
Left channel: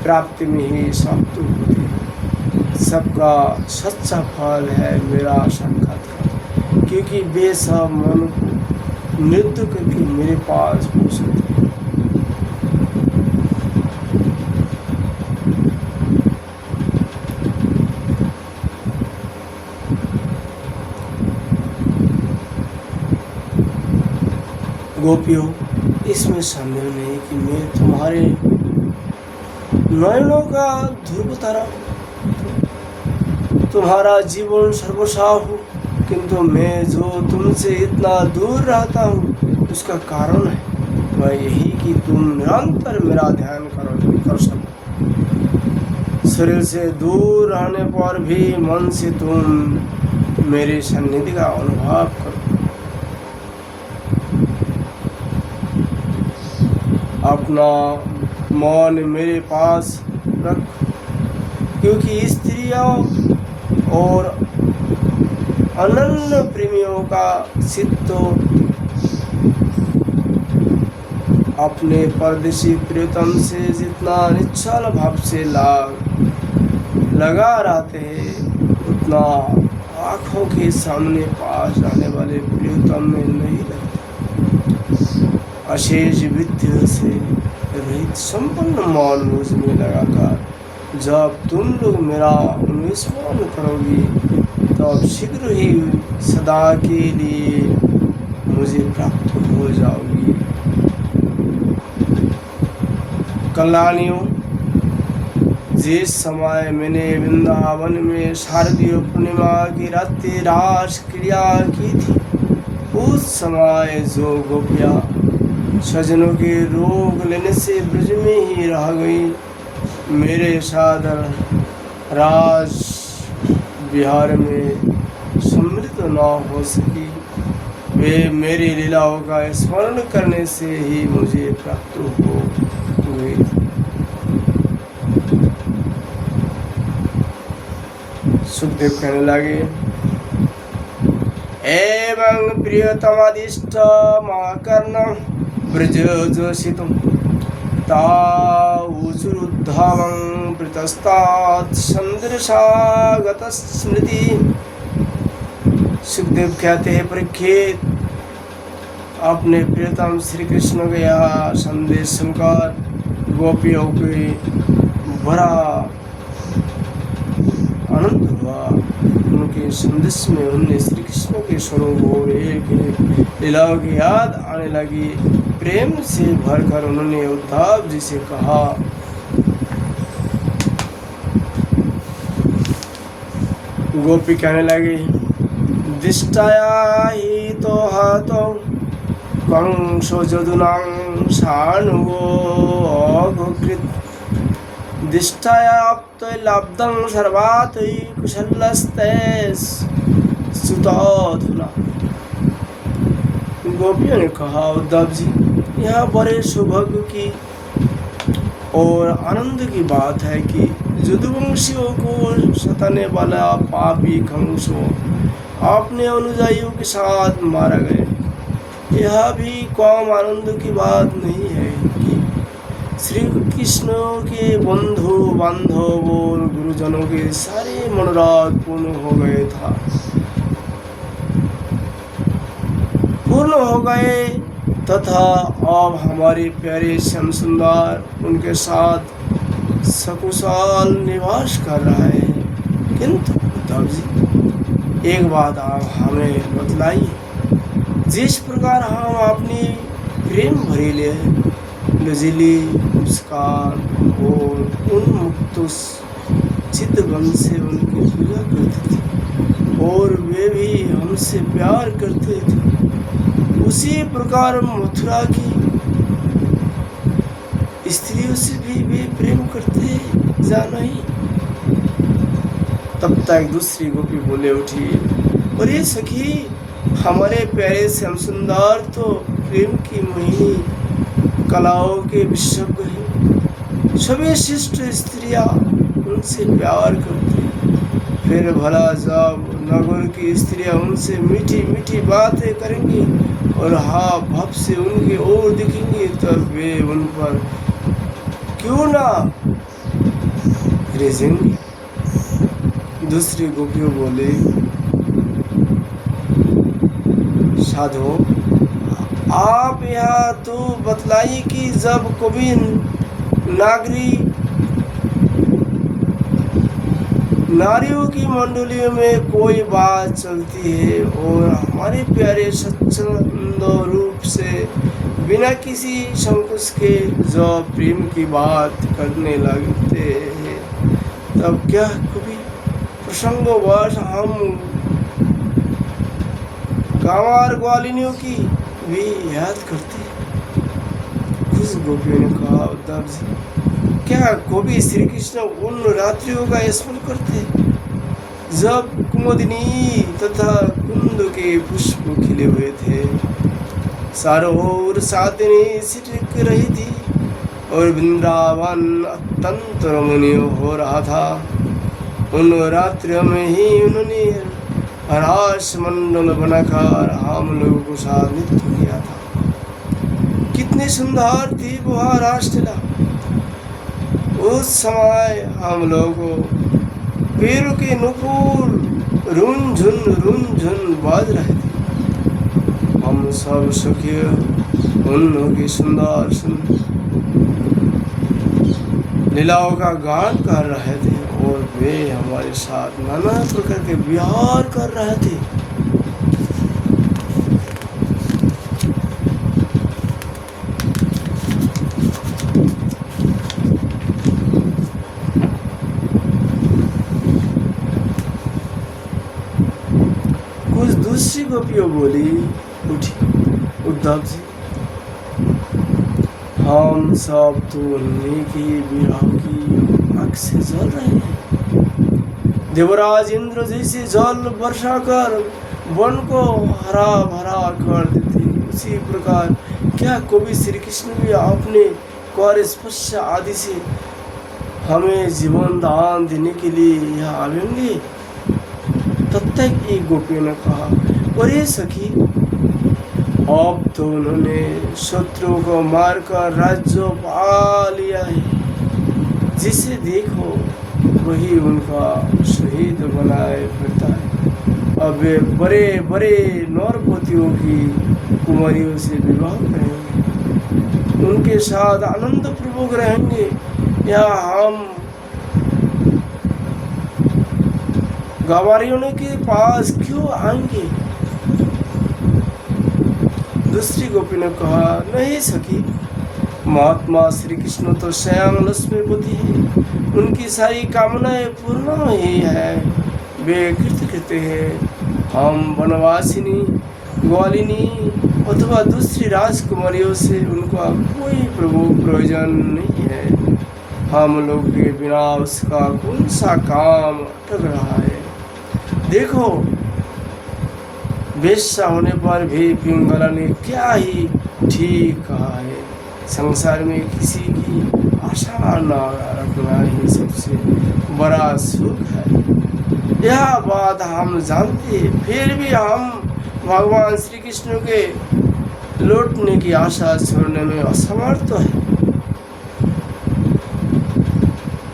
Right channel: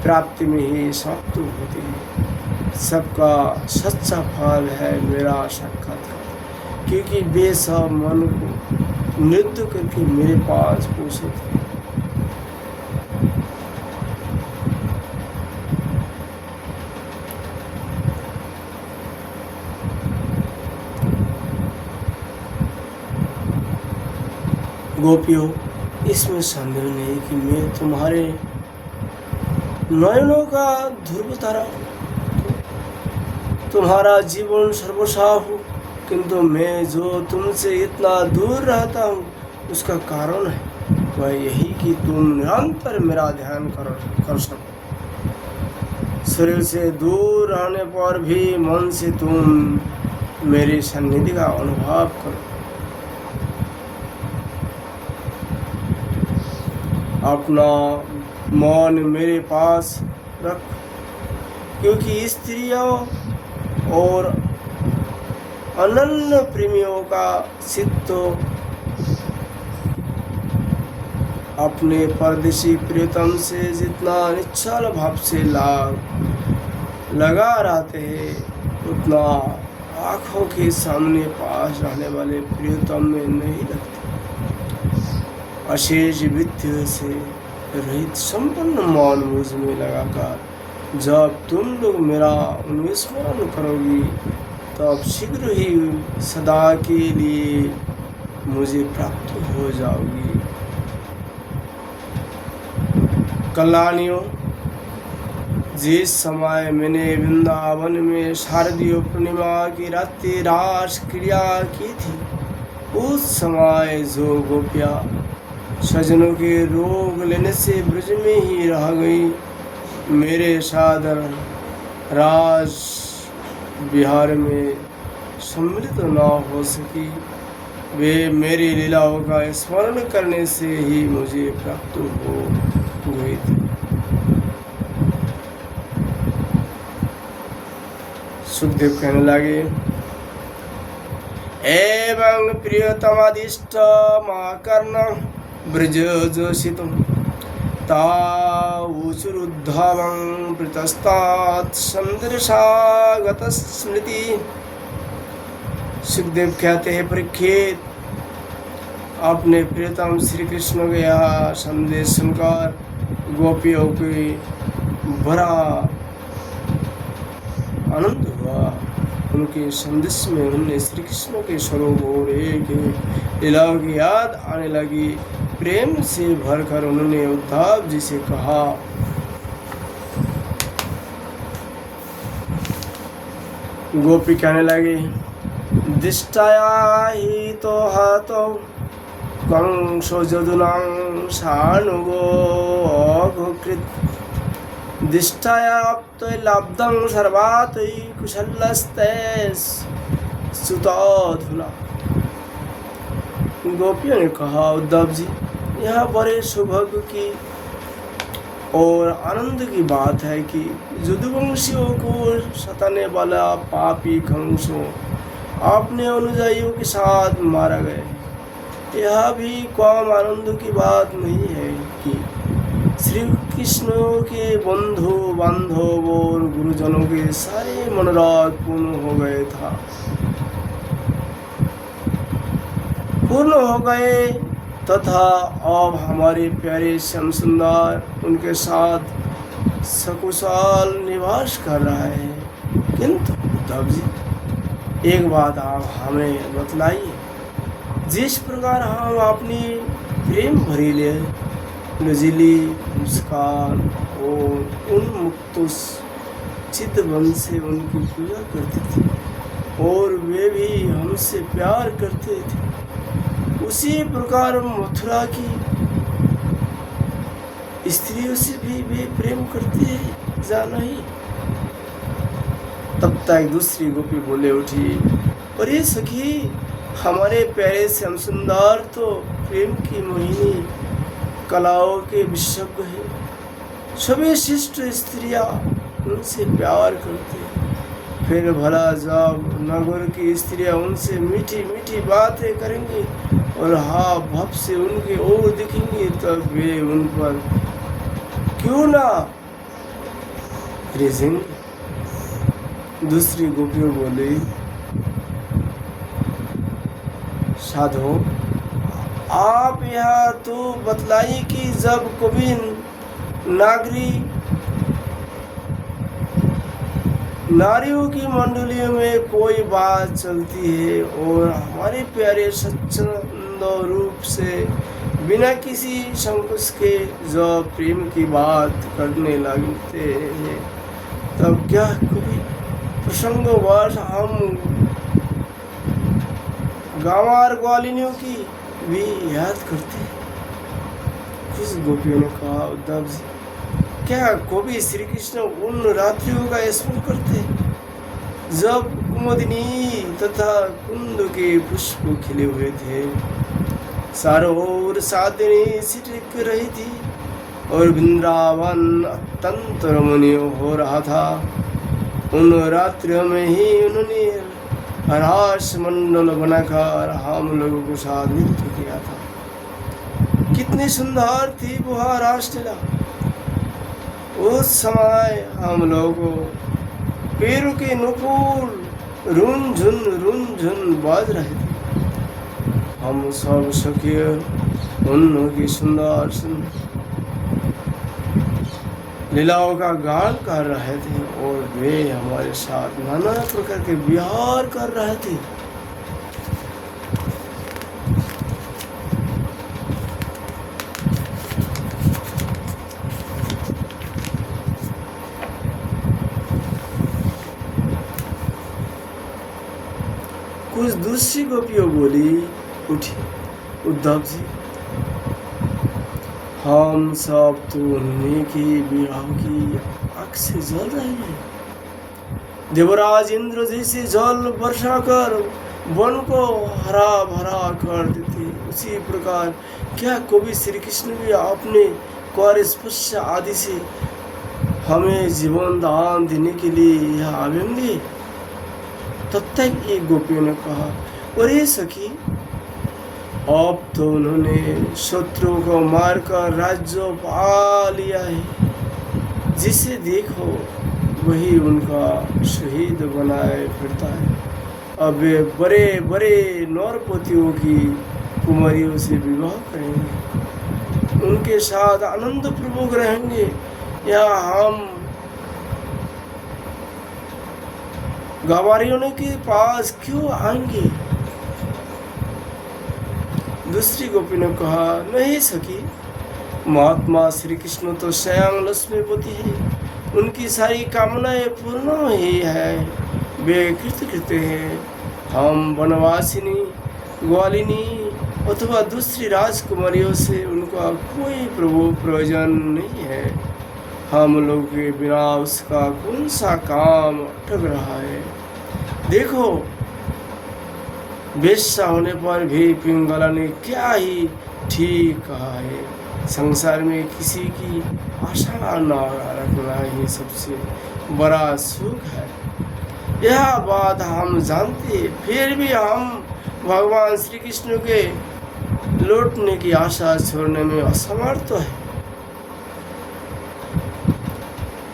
प्राप्ति में ही समाप्त होते हैं। सबका सच्चा फल है मेरा साक्षात्कार, क्योंकि वे सब मन को नृत्य करके मेरे पास पहुँचे थे। गोपियों, इसमें संदेह नहीं कि मैं तुम्हारे नयनों का ध्रुव तारा, तुम्हारा जीवन सर्वस्व हो, किंतु मैं जो तुमसे इतना दूर रहता हूँ उसका कारण है वह यही कि तुम निरंतर मेरा ध्यान कर सको। शरीर से दूर रहने पर भी मन से तुम मेरी सन्निधि का अनुभव करो। अपना मन मेरे पास रख, क्योंकि स्त्रियों और अनन्य प्रेमियों का चित्त अपने परदेशी प्रियतम से जितना निश्चल भाव से लगा रहते हैं, उतना आँखों के सामने पास आने वाले प्रियतम में नहीं रहते। अशेष विद्या से रहित संपन्न मन मुझ में लगाकर जब तुम लोग मेरा अनुस्मरण करोगी, तब शीघ्र ही सदा के लिए मुझे प्राप्त हो जाओगी। कल्याणियों, जिस समय मैंने वृंदावन में शारदीय पूर्णिमा की रात्रि रास क्रिया की थी, उस समय जो गोपियाँ सजनों के रोग लेने से ब्रज में ही रह गई, मेरे साथ राज विहार में सम्मिलित न हो सकी, वे मेरी लीलाओं का स्मरण करने से ही मुझे प्राप्त हुई थी। सुखदेव कहने लगे, एवं प्रियतमादिष्ट माकर्ण ब्रज जोषितम तावुजुरुद्धं प्रतस्तात् संदर्शागत स्मृति। सुखदेव कहते हैं, परीक्षित, अपने प्रियतम श्री कृष्ण का यह संदेश सुनकर गोपियों की बड़ा आनंद हुआ। उनके संदेश में उन्हें श्री कृष्ण के स्वरूप और एक लीलाओं की याद आने लगी। प्रेम से भरकर उन्होंने उद्धव जी से कहा, गोपी कहने लगी, दिष्टाया ही तो हाथों कंसो जदुनां सानुगोकृत दिष्टायाप्तै लब्धं सर्वातै कुशलस्ते सुताधुना। गोपियों ने कहा, उद्धव जी, यहाँ बड़े सौभाग्य की और आनंद की बात है कि यदुवंशियों को सताने वाला पापी कंसो अपने अनुयायियों के साथ मारा गया। यह भी कम आनंद की बात नहीं है कि श्री कृष्ण के बंधु बांधव और गुरुजनों के सारे मनोरथ पूर्ण हो गए तथा अब हमारे प्यारे श्याम सुंदर उनके साथ सकुशल निवास कर रहा है। किंतु उद्धव जी, एक बात आप हमें बतलाइए, जिस प्रकार हम अपनी प्रेम भरीले नजीली मुस्कान और उन्मुक्त चितवन से उनकी पूजा करते थे और वे भी हमसे प्यार करते थे, उसी प्रकार मथुरा की स्त्रियों से भी वे प्रेम करते जाना ही। तब तक दूसरी गोपी बोले उठी, अरे सखी, हमारे प्यारे श्याम सुंदर तो प्रेम की मोहिनी कलाओं के विशेषज्ञ हैं। सभी शिष्ट स्त्रियां उनसे प्यार करती हैं। फिर भला जब नगर की स्त्रियां उनसे मीठी मीठी बातें करेंगी और हाँ भाव से उनकी ओर दिखेंगी, तब वे उन पर क्यों ना रेजेंगे। दूसरी गोपी बोले, साधो, आप यह तो बतलाइए कि जब कभी नारियों की मंडलियों में कोई बात चलती है और हमारे प्यारे स्वच्छंद रूप से बिना किसी संकोच के जो प्रेम की बात करने लगते हैं, तब क्या कभी प्रसंगवश हम गांवार ग्वालिनियों की भी याद करते हैं। कुछ गोपियों ने कहा, उद्धव जी, क्या कभी श्री कृष्ण उन रात्रियों का स्मरण करते जब कुमुदिनी तथा कुंद के पुष्प खिले हुए थे, चारों ओर सादनी छिटक रही थी और वृंदावन अत्यंत रमणीय हो रहा था। उन रात्रियों में ही उन्होंने हरास मंडल बनाकर हम लोगों को साथ नृत्य किया था। कितनी सुंदर थी वो रासलीला। उस समय हम लोगों पैरों के नुपुर रुनझुन बाज रहे थे। हम सब सखी उनकी सुंदर लीलाओं का गान कर रहे थे और वे हमारे साथ नाना प्रकार के विहार कर रहे थे। कुछ दूसरी गोपियों बोली उठी, उद्धव जी, हम सब तो नेकी विवाह की आग से जल रहे हैं। देवराज इंद्र जैसे जल वर्षा कर वन को हरा भरा कर देते, उसी प्रकार क्या कभी श्री कृष्ण भी अपने कर स्पर्श आदि से हमें जीवन दान देने के लिए यहाँ आवेंगे। तब तक एक गोपी ने कहा, अरे सखी, अब तो उन्होंने शत्रु को मारकर राज्य पा लिया है, जिसे देखो वही उनका शहीद बनाए फिरता है। अब वे बड़े बड़े नौरपतियों की कुमारियों से विवाह करेंगे, उनके साथ आनंद पूर्वक रहेंगे। यहाँ हम गंवारियों के पास क्यों आएंगे? दूसरी गोपी ने कहा, नहीं सखी, महात्मा श्री कृष्ण तो श्याम लक्ष्मीपति है, उनकी सारी कामनाएं पूर्ण ही है। वे कृत्य कहते हैं, हम वनवासिनी ग्वालिनी अथवा दूसरी राजकुमारियों से उनका कोई प्रयोजन नहीं है। हम लोग के बिना उसका कौन सा काम अटक रहा है। देखो, वेश्या होने पर भी पिंगला ने क्या ही ठीक कहा है। संसार में किसी की आशा न रखना ही सबसे बड़ा सुख है। यह बात हम जानते, फिर भी हम भगवान श्री कृष्ण के लौटने की आशा छोड़ने में असमर्थ है।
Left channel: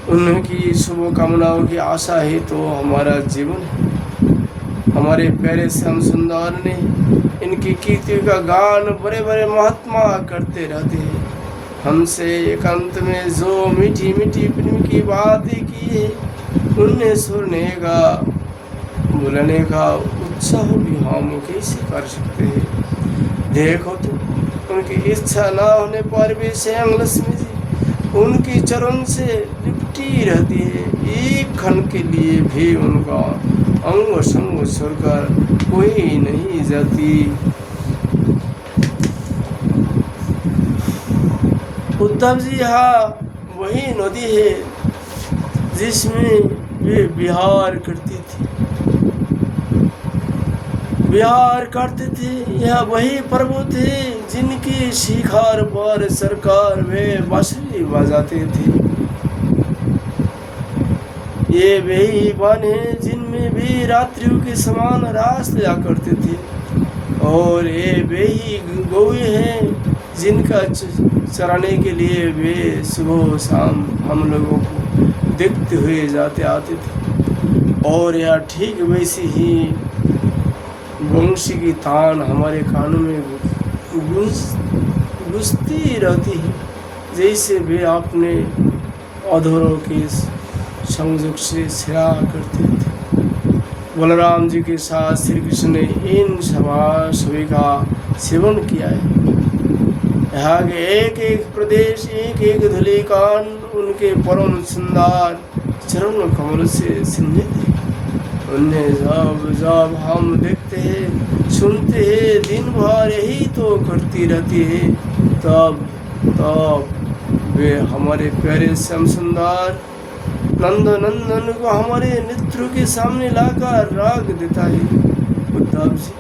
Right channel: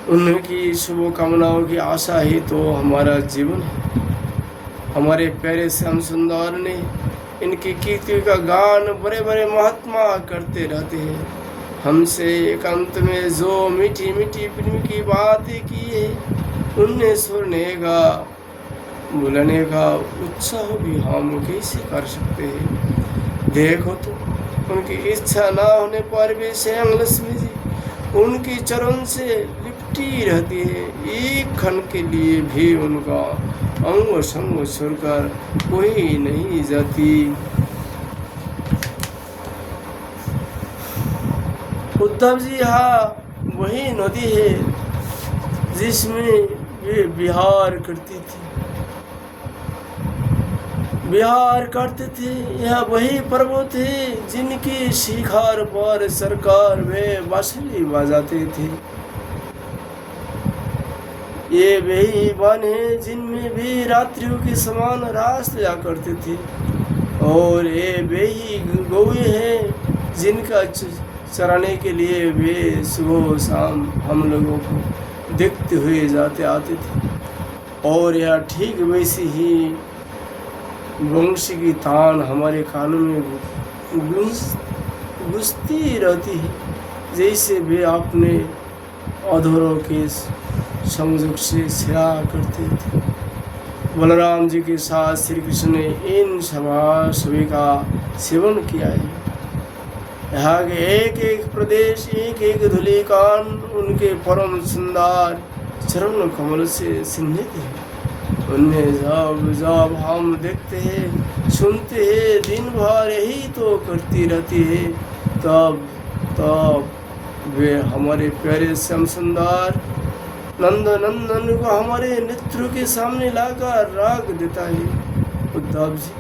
उनकी शुभकामनाओं की आशा ही तो हमारा जीवन है। हमारे प्यारे श्याम सुंदर ने इनकी कीर्ति का गान बड़े बड़े महात्मा करते रहते हैं। हमसे एकांत में जो मीठी मीठी प्रेम की बातें की है, उन्हें सुनने का बोलने का उत्साह भी हम कैसे कर सकते हैं। देखो तो, उनकी इच्छा ना होने पर भी स्वयं लक्ष्मी जी उनके चरण से लिपटी रहती है। एक क्षण के लिए भी उनका अंग संग छोड़कर कोई नहीं जाती। उद्धव जी, यहाँ वही नदी है जिसमें वे विहार करते थे। यह वही पर्वत है जिनकी शिखर पर सरकार वे बांसुरी बजाते थे। ये वही वन है जिनमें भी रात्रियों के समान रास लिया करते थे। और ये वही गौए हैं जिनका चराने के लिए वे सुबह शाम हम लोगों को देखते हुए जाते आते थे। और यह ठीक वैसी ही वंशी की तान हमारे कानों में गूंजती रहती है, जैसे वे अपने अधरों के संयोग से सिरा करते थे। बलराम जी के साथ श्री कृष्ण ने इन सभी का सेवन किया है। यहाँ के एक एक प्रदेश, एक एक धूलिकण उनके परम सुंदर चरण कमल से सिंहे थे। उन्हें जब जब हम देखते हैं, सुनते हैं, दिन भर यही तो करती रहती है, तब वे हमारे प्यारे श्याम सुंदर नंदन को हमारे नेत्रों के सामने लाकर रख देता है। उद्धव जी,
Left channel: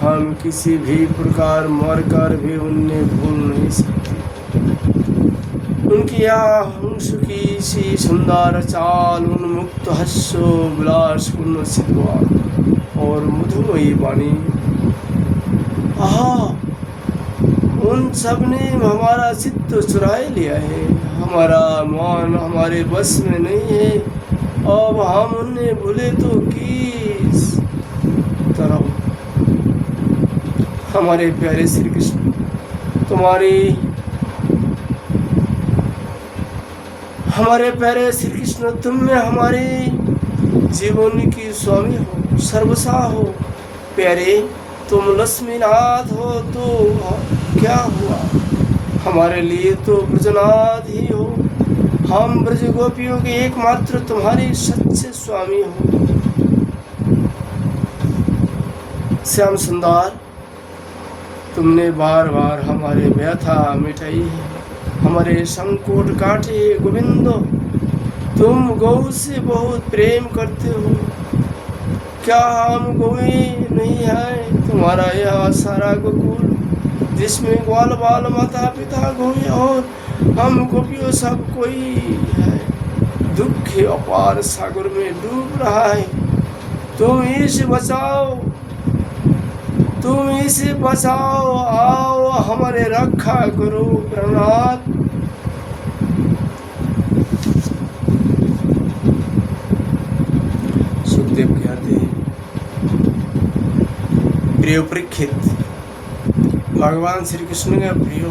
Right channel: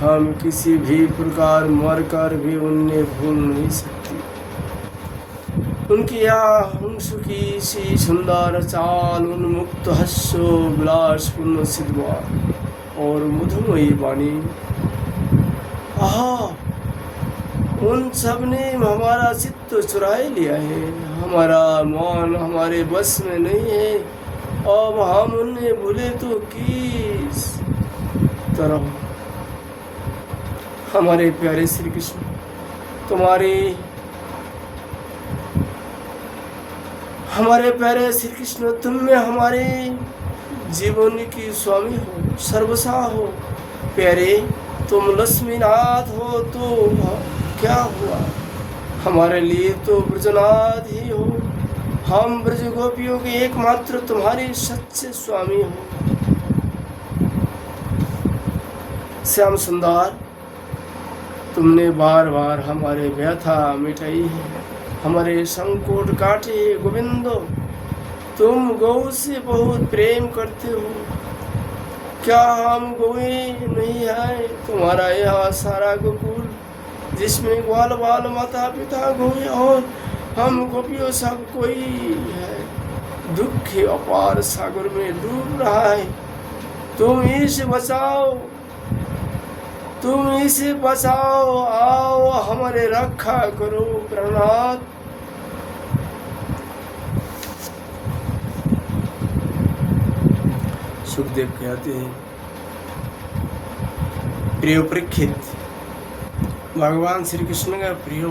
हम किसी भी प्रकार मरकर भी उन्हें भूल नहीं सकते। उनकी हंस की सी सुंदर चाल, उन्मुक्त हस्यो विलासपूर्ण सिद्धवा और मधुमयी वाणी, आहा, उन सब ने हमारा चित्त चुराए लिया है। हमारा मन हमारे बस में नहीं है। अब हम उन्हें भूले तो किस तरह। हमारे प्यारे श्री कृष्ण, हमारे प्यारे श्री कृष्ण, तुम में हमारे जीवन की स्वामी हो, सर्वसा हो। प्यारे, तुम लक्ष्मीनाथ हो तो क्या हुआ, हमारे लिए तो ब्रजनाथ ही हो। हम ब्रज गोपियों के एकमात्र तुम्हारे सच्चे स्वामी हो। श्याम सुंदर, तुमने बार बार हमारे व्यथा मिटाई है, हमारे संकट काटे। गोविंदो, तुम गौ से बहुत प्रेम करते हो। क्या हम गौए नहीं है? तुम्हारा यह सारा गोकुल जिसमें ग्वाल बाल माता पिता गौए और हम गोपियों सब कोई है, दुख के अपार सागर में डूब रहा है। तुम इसे बचाओ, आओ हमारे रक्षा करो प्राणनाथ। सुखदेव कहते हैं, प्रिय परीक्षित, भगवान श्री कृष्ण का प्रिय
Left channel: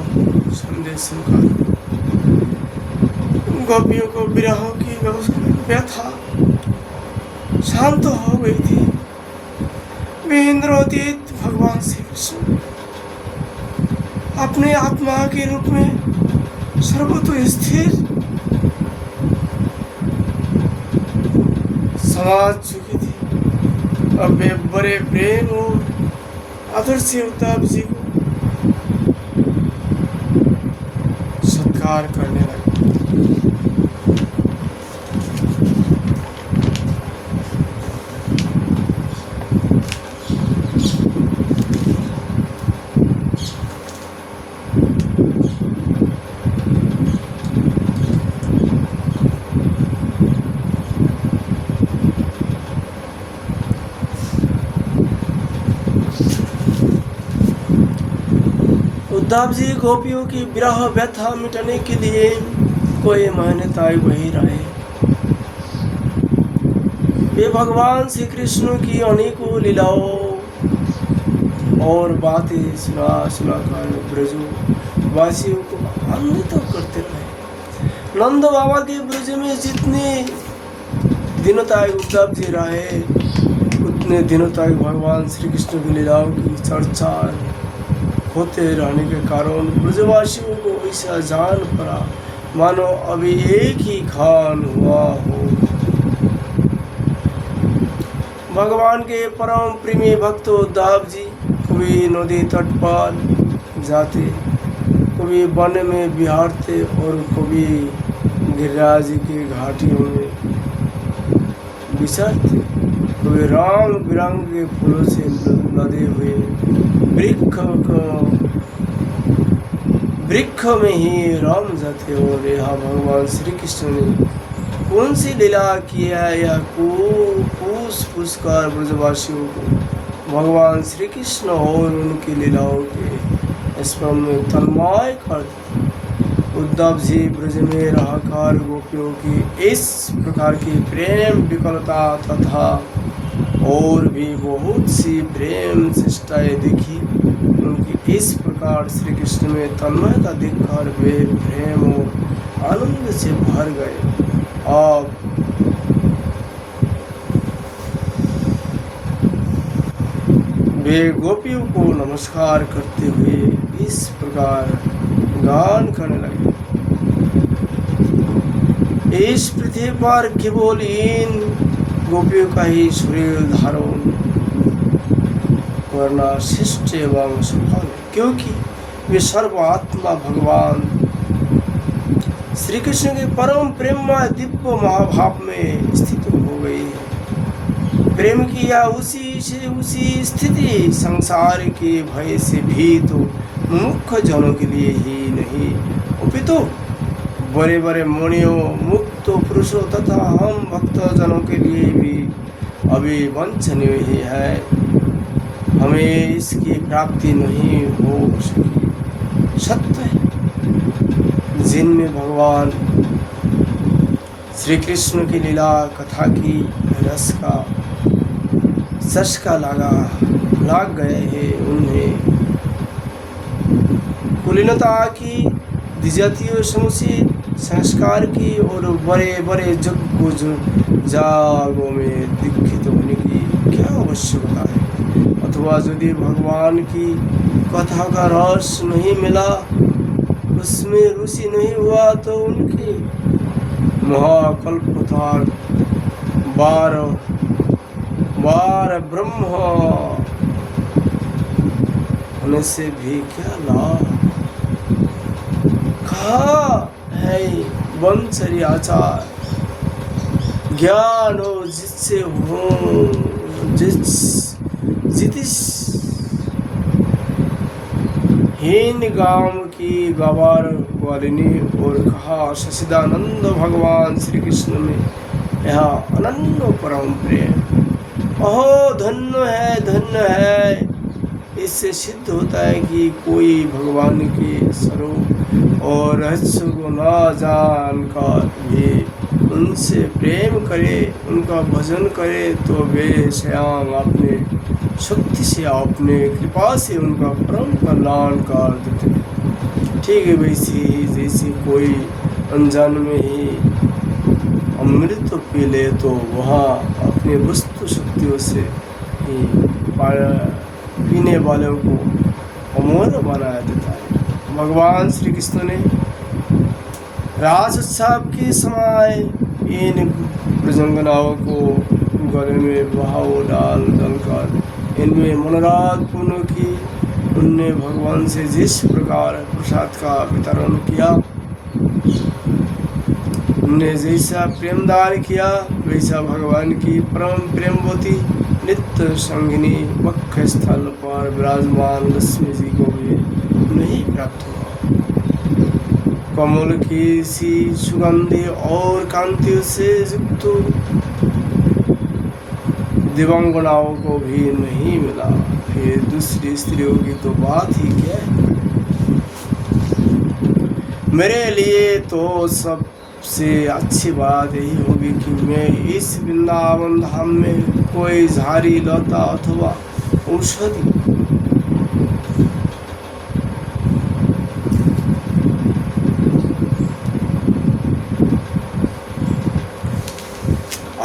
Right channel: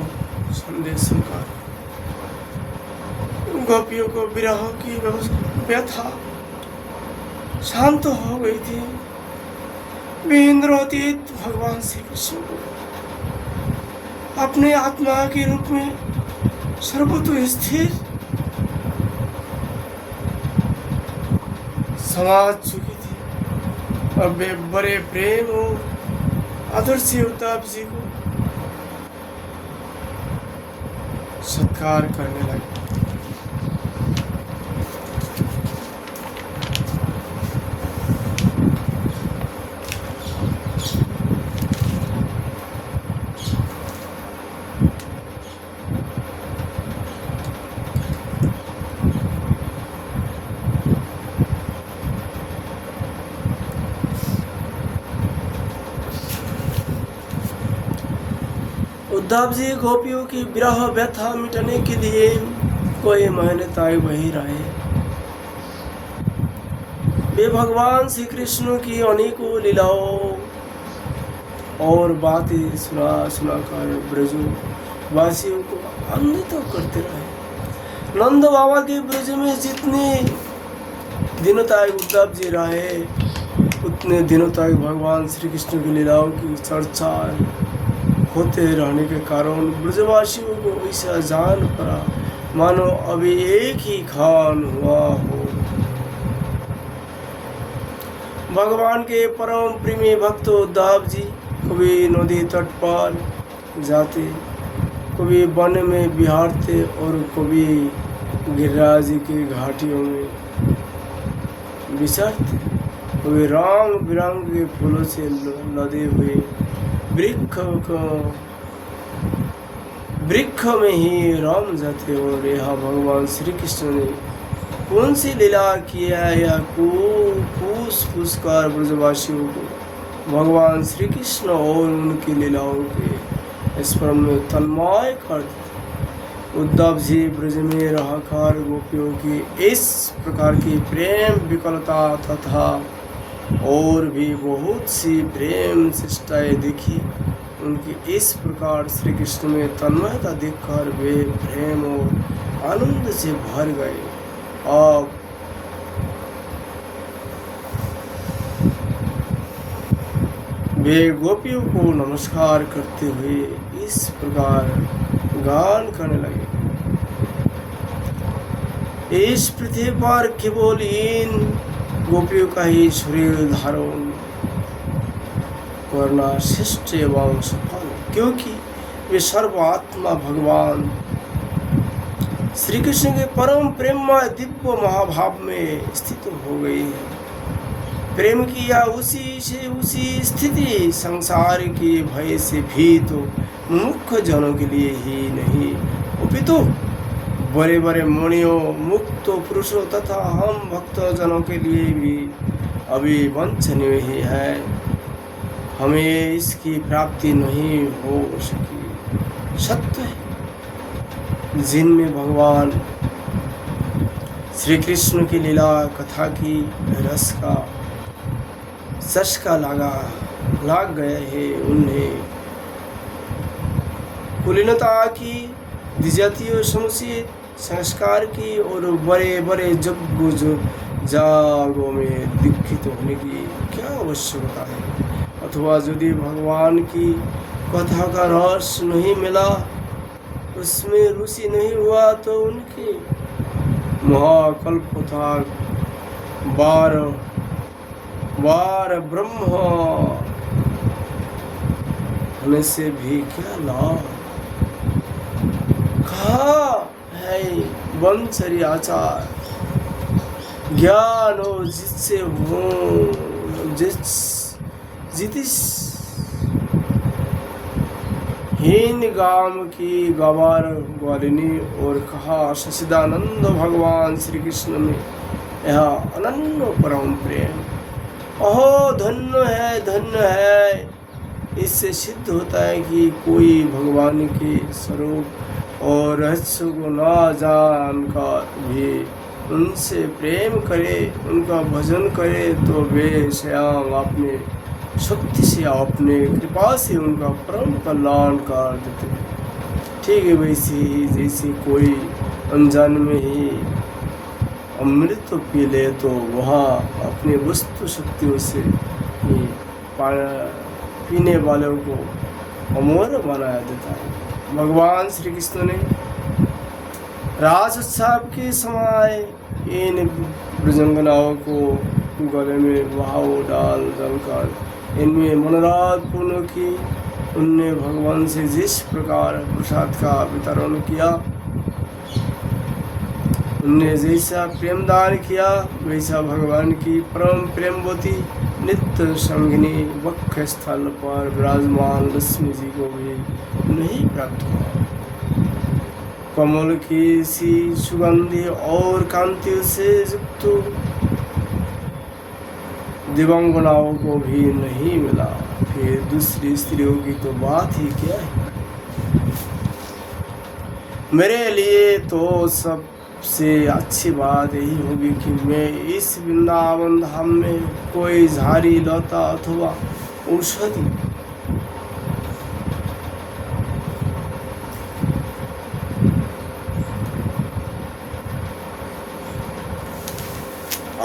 संदेश सुनकर गोपियों को विरह की व्यथा शांत हो गई थी। वे इंद्रोदित भगवान श्री कृष्ण अपने आत्मा के रूप में सर्वतो स्थिर समझ चुकी थी। अब वे बड़े प्रेम और आदर से उद्धव जी को सत्कार करने लगे। उद्धव जी गोपियों की विरह व्यथा मिटाने के लिए कोई मान्यताएं वही रहे। वे भगवान श्री कृष्ण की अनेकों लीलाओं और बातें सुनाकर ब्रजवासियों को आनंदित करते रहे। नंद बाबा के ब्रज में जितने दिनों तक उद्धव जी रहे, उतने दिनों तक भगवान श्री कृष्ण की लीलाओं की चर्चा होते रहने के कारण ब्रजवासियों को ऐसा जान पड़ा मानो अभी एक ही खान हुआ हो। भगवान के परम प्रेमी भक्त उद्धव जी कभी नदी तट पर जाते, कभी वन में विहारते और कभी गिरिराज की घाटियों में विचरते, कभी रंग बिरंग के फूलों से लदे हुए वृक्ष में ही राम जाते। और यहाँ भगवान श्री कृष्ण ने कौन सी लीला किया है, यह पूछ कर ब्रजवासियों को भगवान श्री कृष्ण और उनकी लीलाओं के स्मरण में तन्मय कर देते। उद्धव जी ब्रज में रहकर गोपियों की इस प्रकार की प्रेम विकलता तथा और भी बहुत सी प्रेम चेष्टाएं देखी। उनकी इस प्रकार श्री कृष्ण में तन्मयता देखकर वे प्रेम और आनंद से भर गए। आप वे गोपियों को नमस्कार करते हुए इस प्रकार गान करने लगे। इस पृथ्वी पर केवल इन गोपियों का ही शरीर धारण करना शिष्ट एवं संभव, क्योंकि वे सर्वात्मा भगवान श्री कृष्ण के परम प्रेममय दिव्य महाभाव में स्थित हो गई है। प्रेम की या उसी स्थिति संसार के भय से भी तो मुख्य जनों के लिए ही नहीं, अपितु बड़े बड़े मुनियों, मुक्त पुरुषों तथा हम भक्त जनों के लिए भी अभी वंचनीय ही है। हमें इसकी प्राप्ति नहीं हो सकी। सत्य है, जिनमें भगवान श्री कृष्ण की लीला कथा की रस का चस्का लाग गए हैं, उन्हें कुलीनता की, द्विजातीय समुचित संस्कार की और बड़े बड़े जागों में दीक्षित होने की क्या आवश्यकता है। अथवा यदि भगवान की कथा का रस नहीं मिला, उसमें रुचि नहीं हुआ, तो उनके महाकल्पतार बार ब्रह्म होने से भी क्या लाभ। कहा है वंशरी आचार ज्ञान हो जिससे हो जितिस हीन गांव की गवार वारिनी। और कहा सचिदानंद भगवान श्री कृष्ण में यह अनन्य परम प्रेम। अहो धन्य है। इससे सिद्ध होता है कि कोई भगवान के स्वरूप और रहस्य को न जानकर भी उनसे प्रेम करे, उनका भजन करे, तो वे स्वयं अपने शक्ति से, अपने कृपा से उनका परम कल्याण कर देते हैं। ठीक है, वैसे ही जैसे कोई अनजान में ही अमृत पी ले तो वहाँ अपने वस्तु शक्तियों से पीने वालों को अमर बनाया देता है। भगवान श्री कृष्ण ने राजोत्सव के समय इन ब्रजंगनाओं को गले में बहाव डालकर इनमें मनोरथ पूर्ण की उनने भगवान से जिस प्रकार प्रसाद का वितरण किया, उनने जैसा प्रेम दान किया, वैसा भगवान की परम प्रेमवती नित्य संगिनी वक्ष स्थल पर विराजमान लक्ष्मी जी को भी नहीं प्राप्त हुआ। कमल की सी सुगंधि और कांतियों से युक्त दिव्यांगनाओं को भी नहीं मिला। फिर दूसरी स्त्रियों की तो बात ही क्या है। मेरे लिए तो सबसे अच्छी बात यही होगी कि मैं इस वृंदावन धाम में कोई झाड़ी लता अथवा औषधि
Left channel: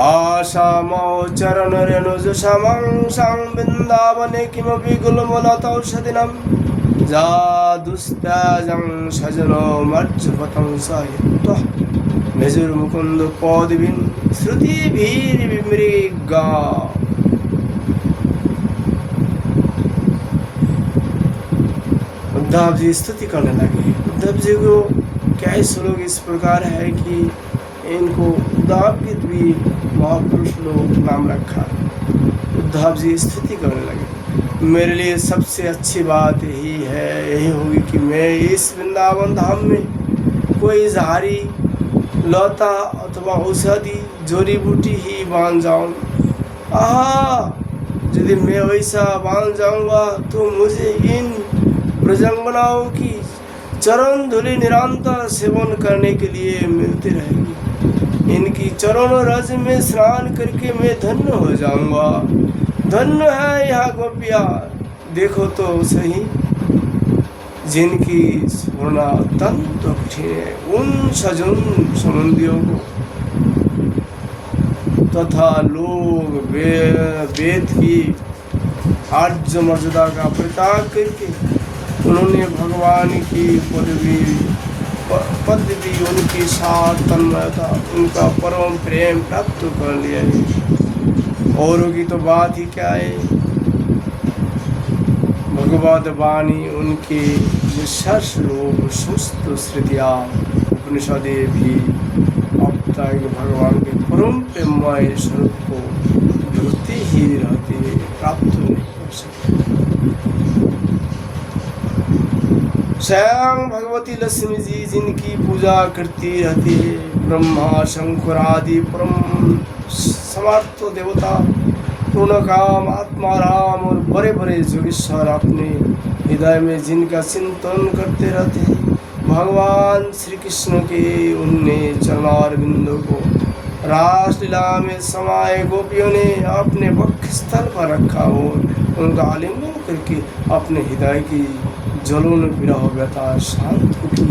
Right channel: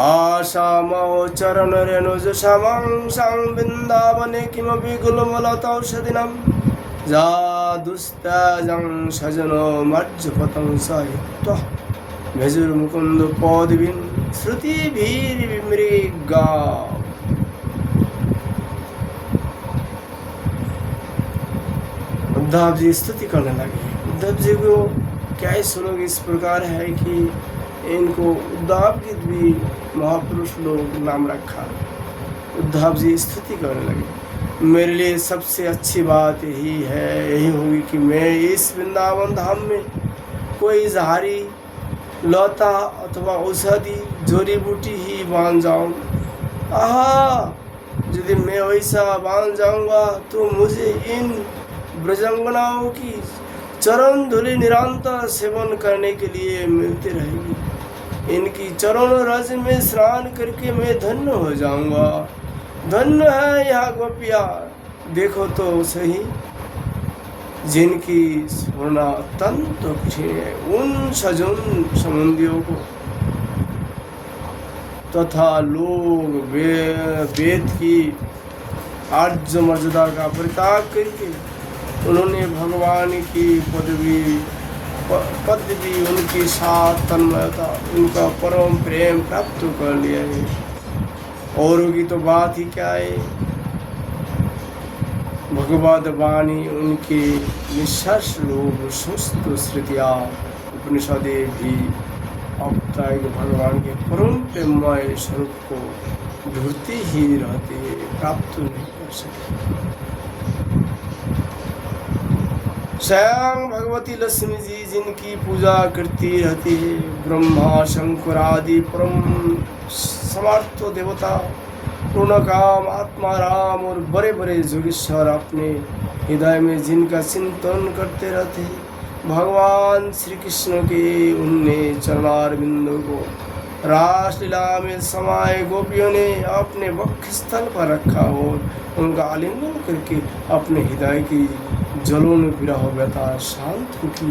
आशामो चरण रेणुज समं वृंदावने किमपि गुलमलतौषधिनं जादुस्त्याजं सजनो मज्जपतं सहित्वा मेजुर्मुकुन्द पौदिभिः श्रुतिभिर्विमृगा। उद्धव जी स्तुति करने लगे। उद्धव जी को क्या श्लोक इस प्रकार है कि इनको उद्धव के भी महापुरुष लोग नाम रखा। उद्धव जी स्तुति करने लगे। मेरे लिए सबसे अच्छी बात यही होगी कि मैं इस वृंदावन धाम में कोई झाड़ी लता अथवा औषधि जड़ी बूटी ही बांध जाऊं। यदि मैं वैसा बांध जाऊंगा तो मुझे इन ब्रजंगनाओं की चरण धूलि निरंतर सेवन करने के लिए मिलती रहेगी। इनकी चरण रज में स्नान करके मैं धन्य हो जाऊंगा। धन्य है यह गोपिया, देखो तो सही, जिनकी स्वर्णा तंतु उन सजन संबंधियों को तथा लोग वेद की आर्य मर्यादा का परित्याग करके उन्होंने भगवान की पदवी उनके साथ तन्मयता उनका परम प्रेम प्राप्त कर लिया है। औरों की तो बात ही क्या है। भगवद वाणी उनकी निश्चर्ष लोग सुस्त श्रुतियाँ उपनिषदे भी अब तक भगवान के परम प्रेममय स्वरूप को ढूंढते ही रहते हैं, प्राप्त नहीं कर सकते। स्वयं भगवती लक्ष्मी जी जिनकी पूजा करती रहती है, ब्रह्मा शंकर आदि परम समर्थ देवता पूर्ण काम आत्मा राम और बड़े बड़े जोगेश्वर अपने हृदय में जिनका चिंतन करते रहते हैं, भगवान श्री कृष्ण के उनने चरणारविंदों को रासलीला में समाये गोपियों ने अपने वक्ष स्थल पर रखा और उनका आलिंगन करके अपने हृदय की जलों विरह व्यथा शांत की।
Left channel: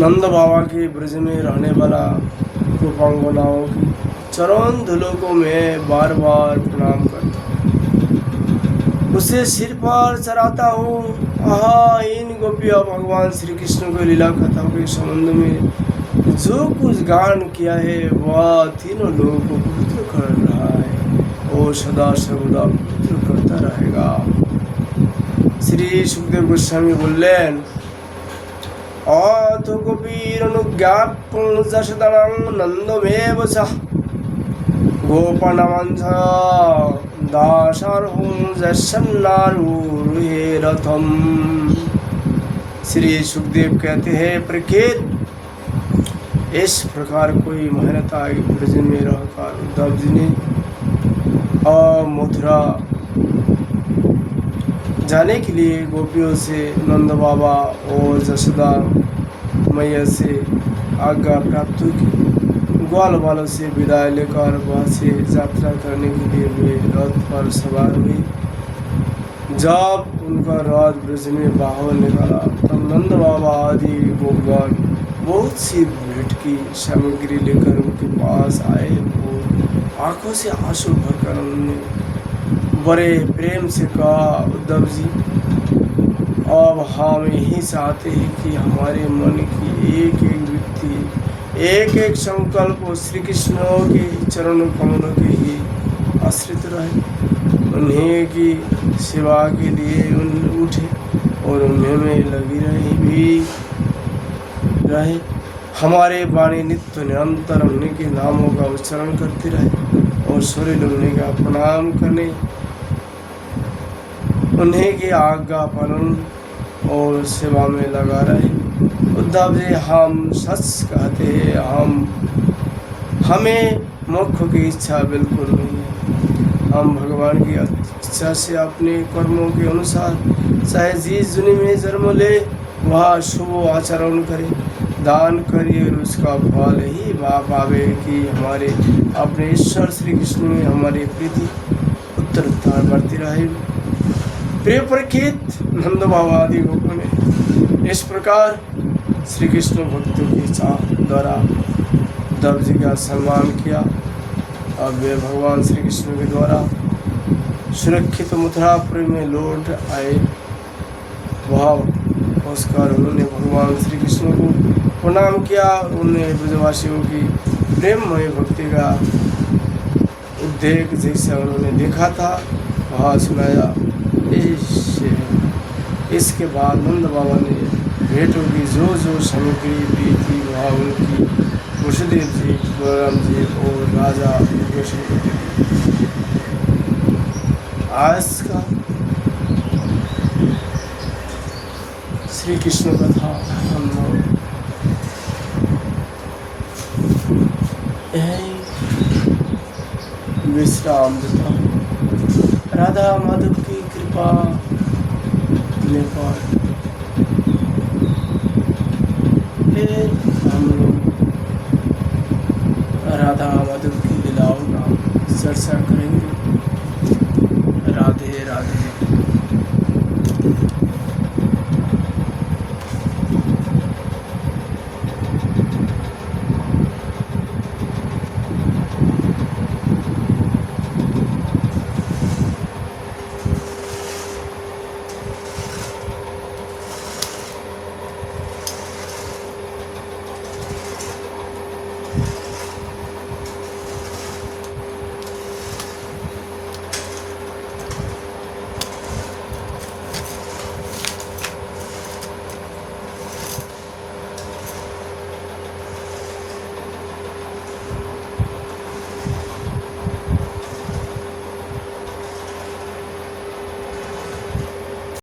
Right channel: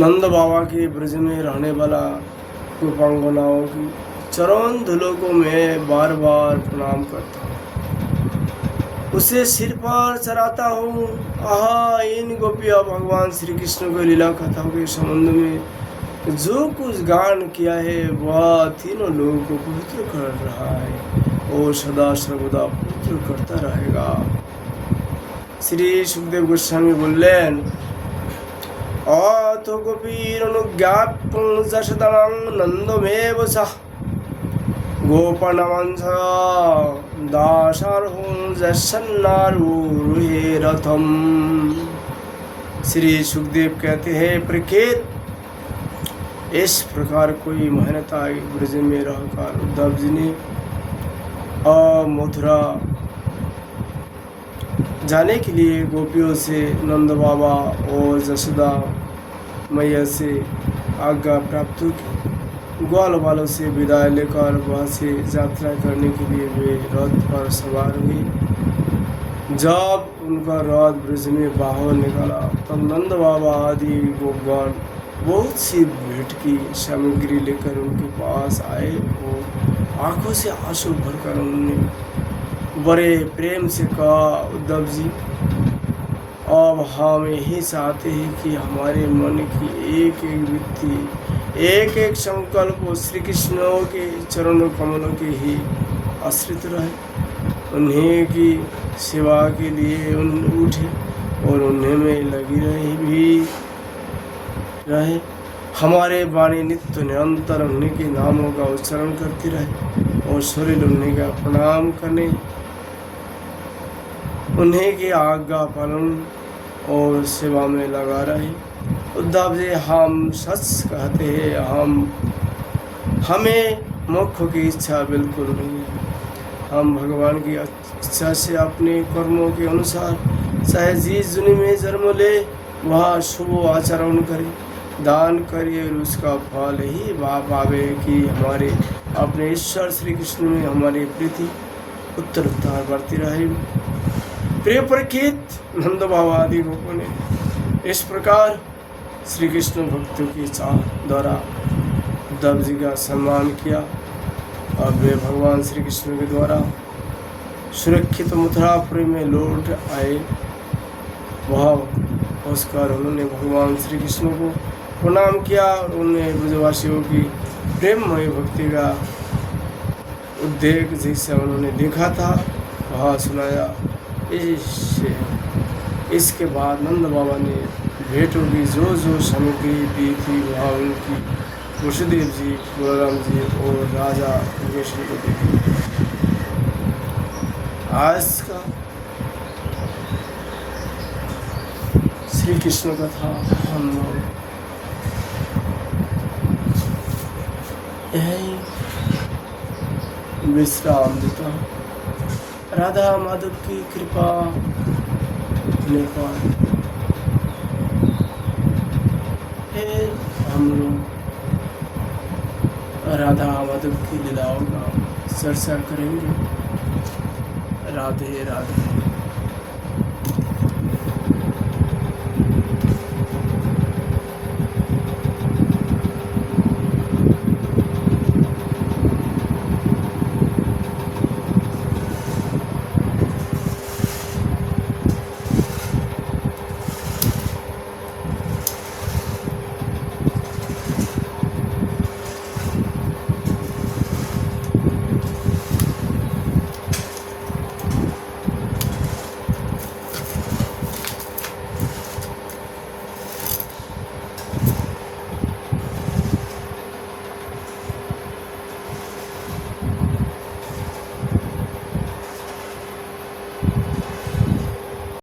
नंद बाबा के ब्रज में रहने वाला गोपांगनाओं की चरण धूलों को मैं बार बार प्रणाम करता हूँ, उसे सिर पर चढ़ाता हूँ। इन गोपियों भगवान श्री कृष्ण को लीला कथाओं के संबंध में जो कुछ गान किया है वह तीनों लोगों को पवित्र कर रहा है और सदा सर्वदा पवित्र करता रहेगा। श्री सुखदेव गोस्वामी बोलें, अथ गोपीरनुज्ञाप्तं जशतनं नन्दमेव सः गोपनवंश दासार्हो जसन्नारूहे रथम। श्री सुखदेव कहते हैं, प्रख्यात इस प्रकार कोई मेहनता ब्रज में रहकर उद्धव जी ने मथुरा जाने के लिए गोपियों से नंद बाबा और जशोदा मैया से आज्ञा प्राप्त की। ग्वाल वालों से विदाई लेकर वहाँ से यात्रा करने के लिए वे रथ पर सवार हुई। जब उनका रथ ब्रज में बाहर निकाला तब नंद बाबा आदि गोपगण बहुत सी भेंट की सामग्री लेकर उनके पास आए और आंखों से आंसू भरकर उन्होंने बड़े प्रेम से कहा, उद्धव जी अब हम यही चाहते हैं कि हमारे मन की एक एक व्यक्ति एक एक संकल्प श्री कृष्ण के चरण कमलों के ही आश्रित रहे, उन्हीं की सेवा के लिए उठे और उन्हीं में लगी रहे। हमारे वाणी नित्य निरंतर उन्हीं के नामों का उच्चारण करती रहे और शरीर उन्हीं का प्रणाम करने, उन्हीं की आज्ञा पालन और सेवा में लगा रहे। उद्धव जी, हम सच कहते हैं, हमें मोक्ष की इच्छा बिल्कुल नहीं है। हम भगवान की इच्छा से अपने कर्मों के अनुसार चाहे जिस दुनिया में जन्म ले वह शुभ आचरण करे, दान करिए और उसका फल ही वह पावे कि हमारे अपने ईश्वर श्री कृष्ण में हमारी प्रीति उत्तरोत्तर बढ़ती रहे। प्रिय परीक्षित, नंद बाबा आदि गोपों ने इस प्रकार श्री कृष्ण भक्तों की चाह द्वारा उद्धव जी का सम्मान किया। अब वे भगवान श्री कृष्ण के द्वारा सुरक्षित मथुरापुरी में लौट आए। वहाँ पहुंचकर उन्होंने भगवान श्री कृष्ण को प्रणाम किया। उन्होंने ब्रजवासियों की प्रेममय भक्ति का उद्देश्य जैसा उन्होंने देखा था वहाँ सुनाया। इसके बाद नंद बाबा ने भेंटों की जो सामग्री दी थी वहाँ उनकी वसुदेव जी, बलराम जी और राजा कृष्ण को दी। आज का श्री कृष्ण कथा हम लोग यही विश्राम देता। राधा माधव की कृपा होने पर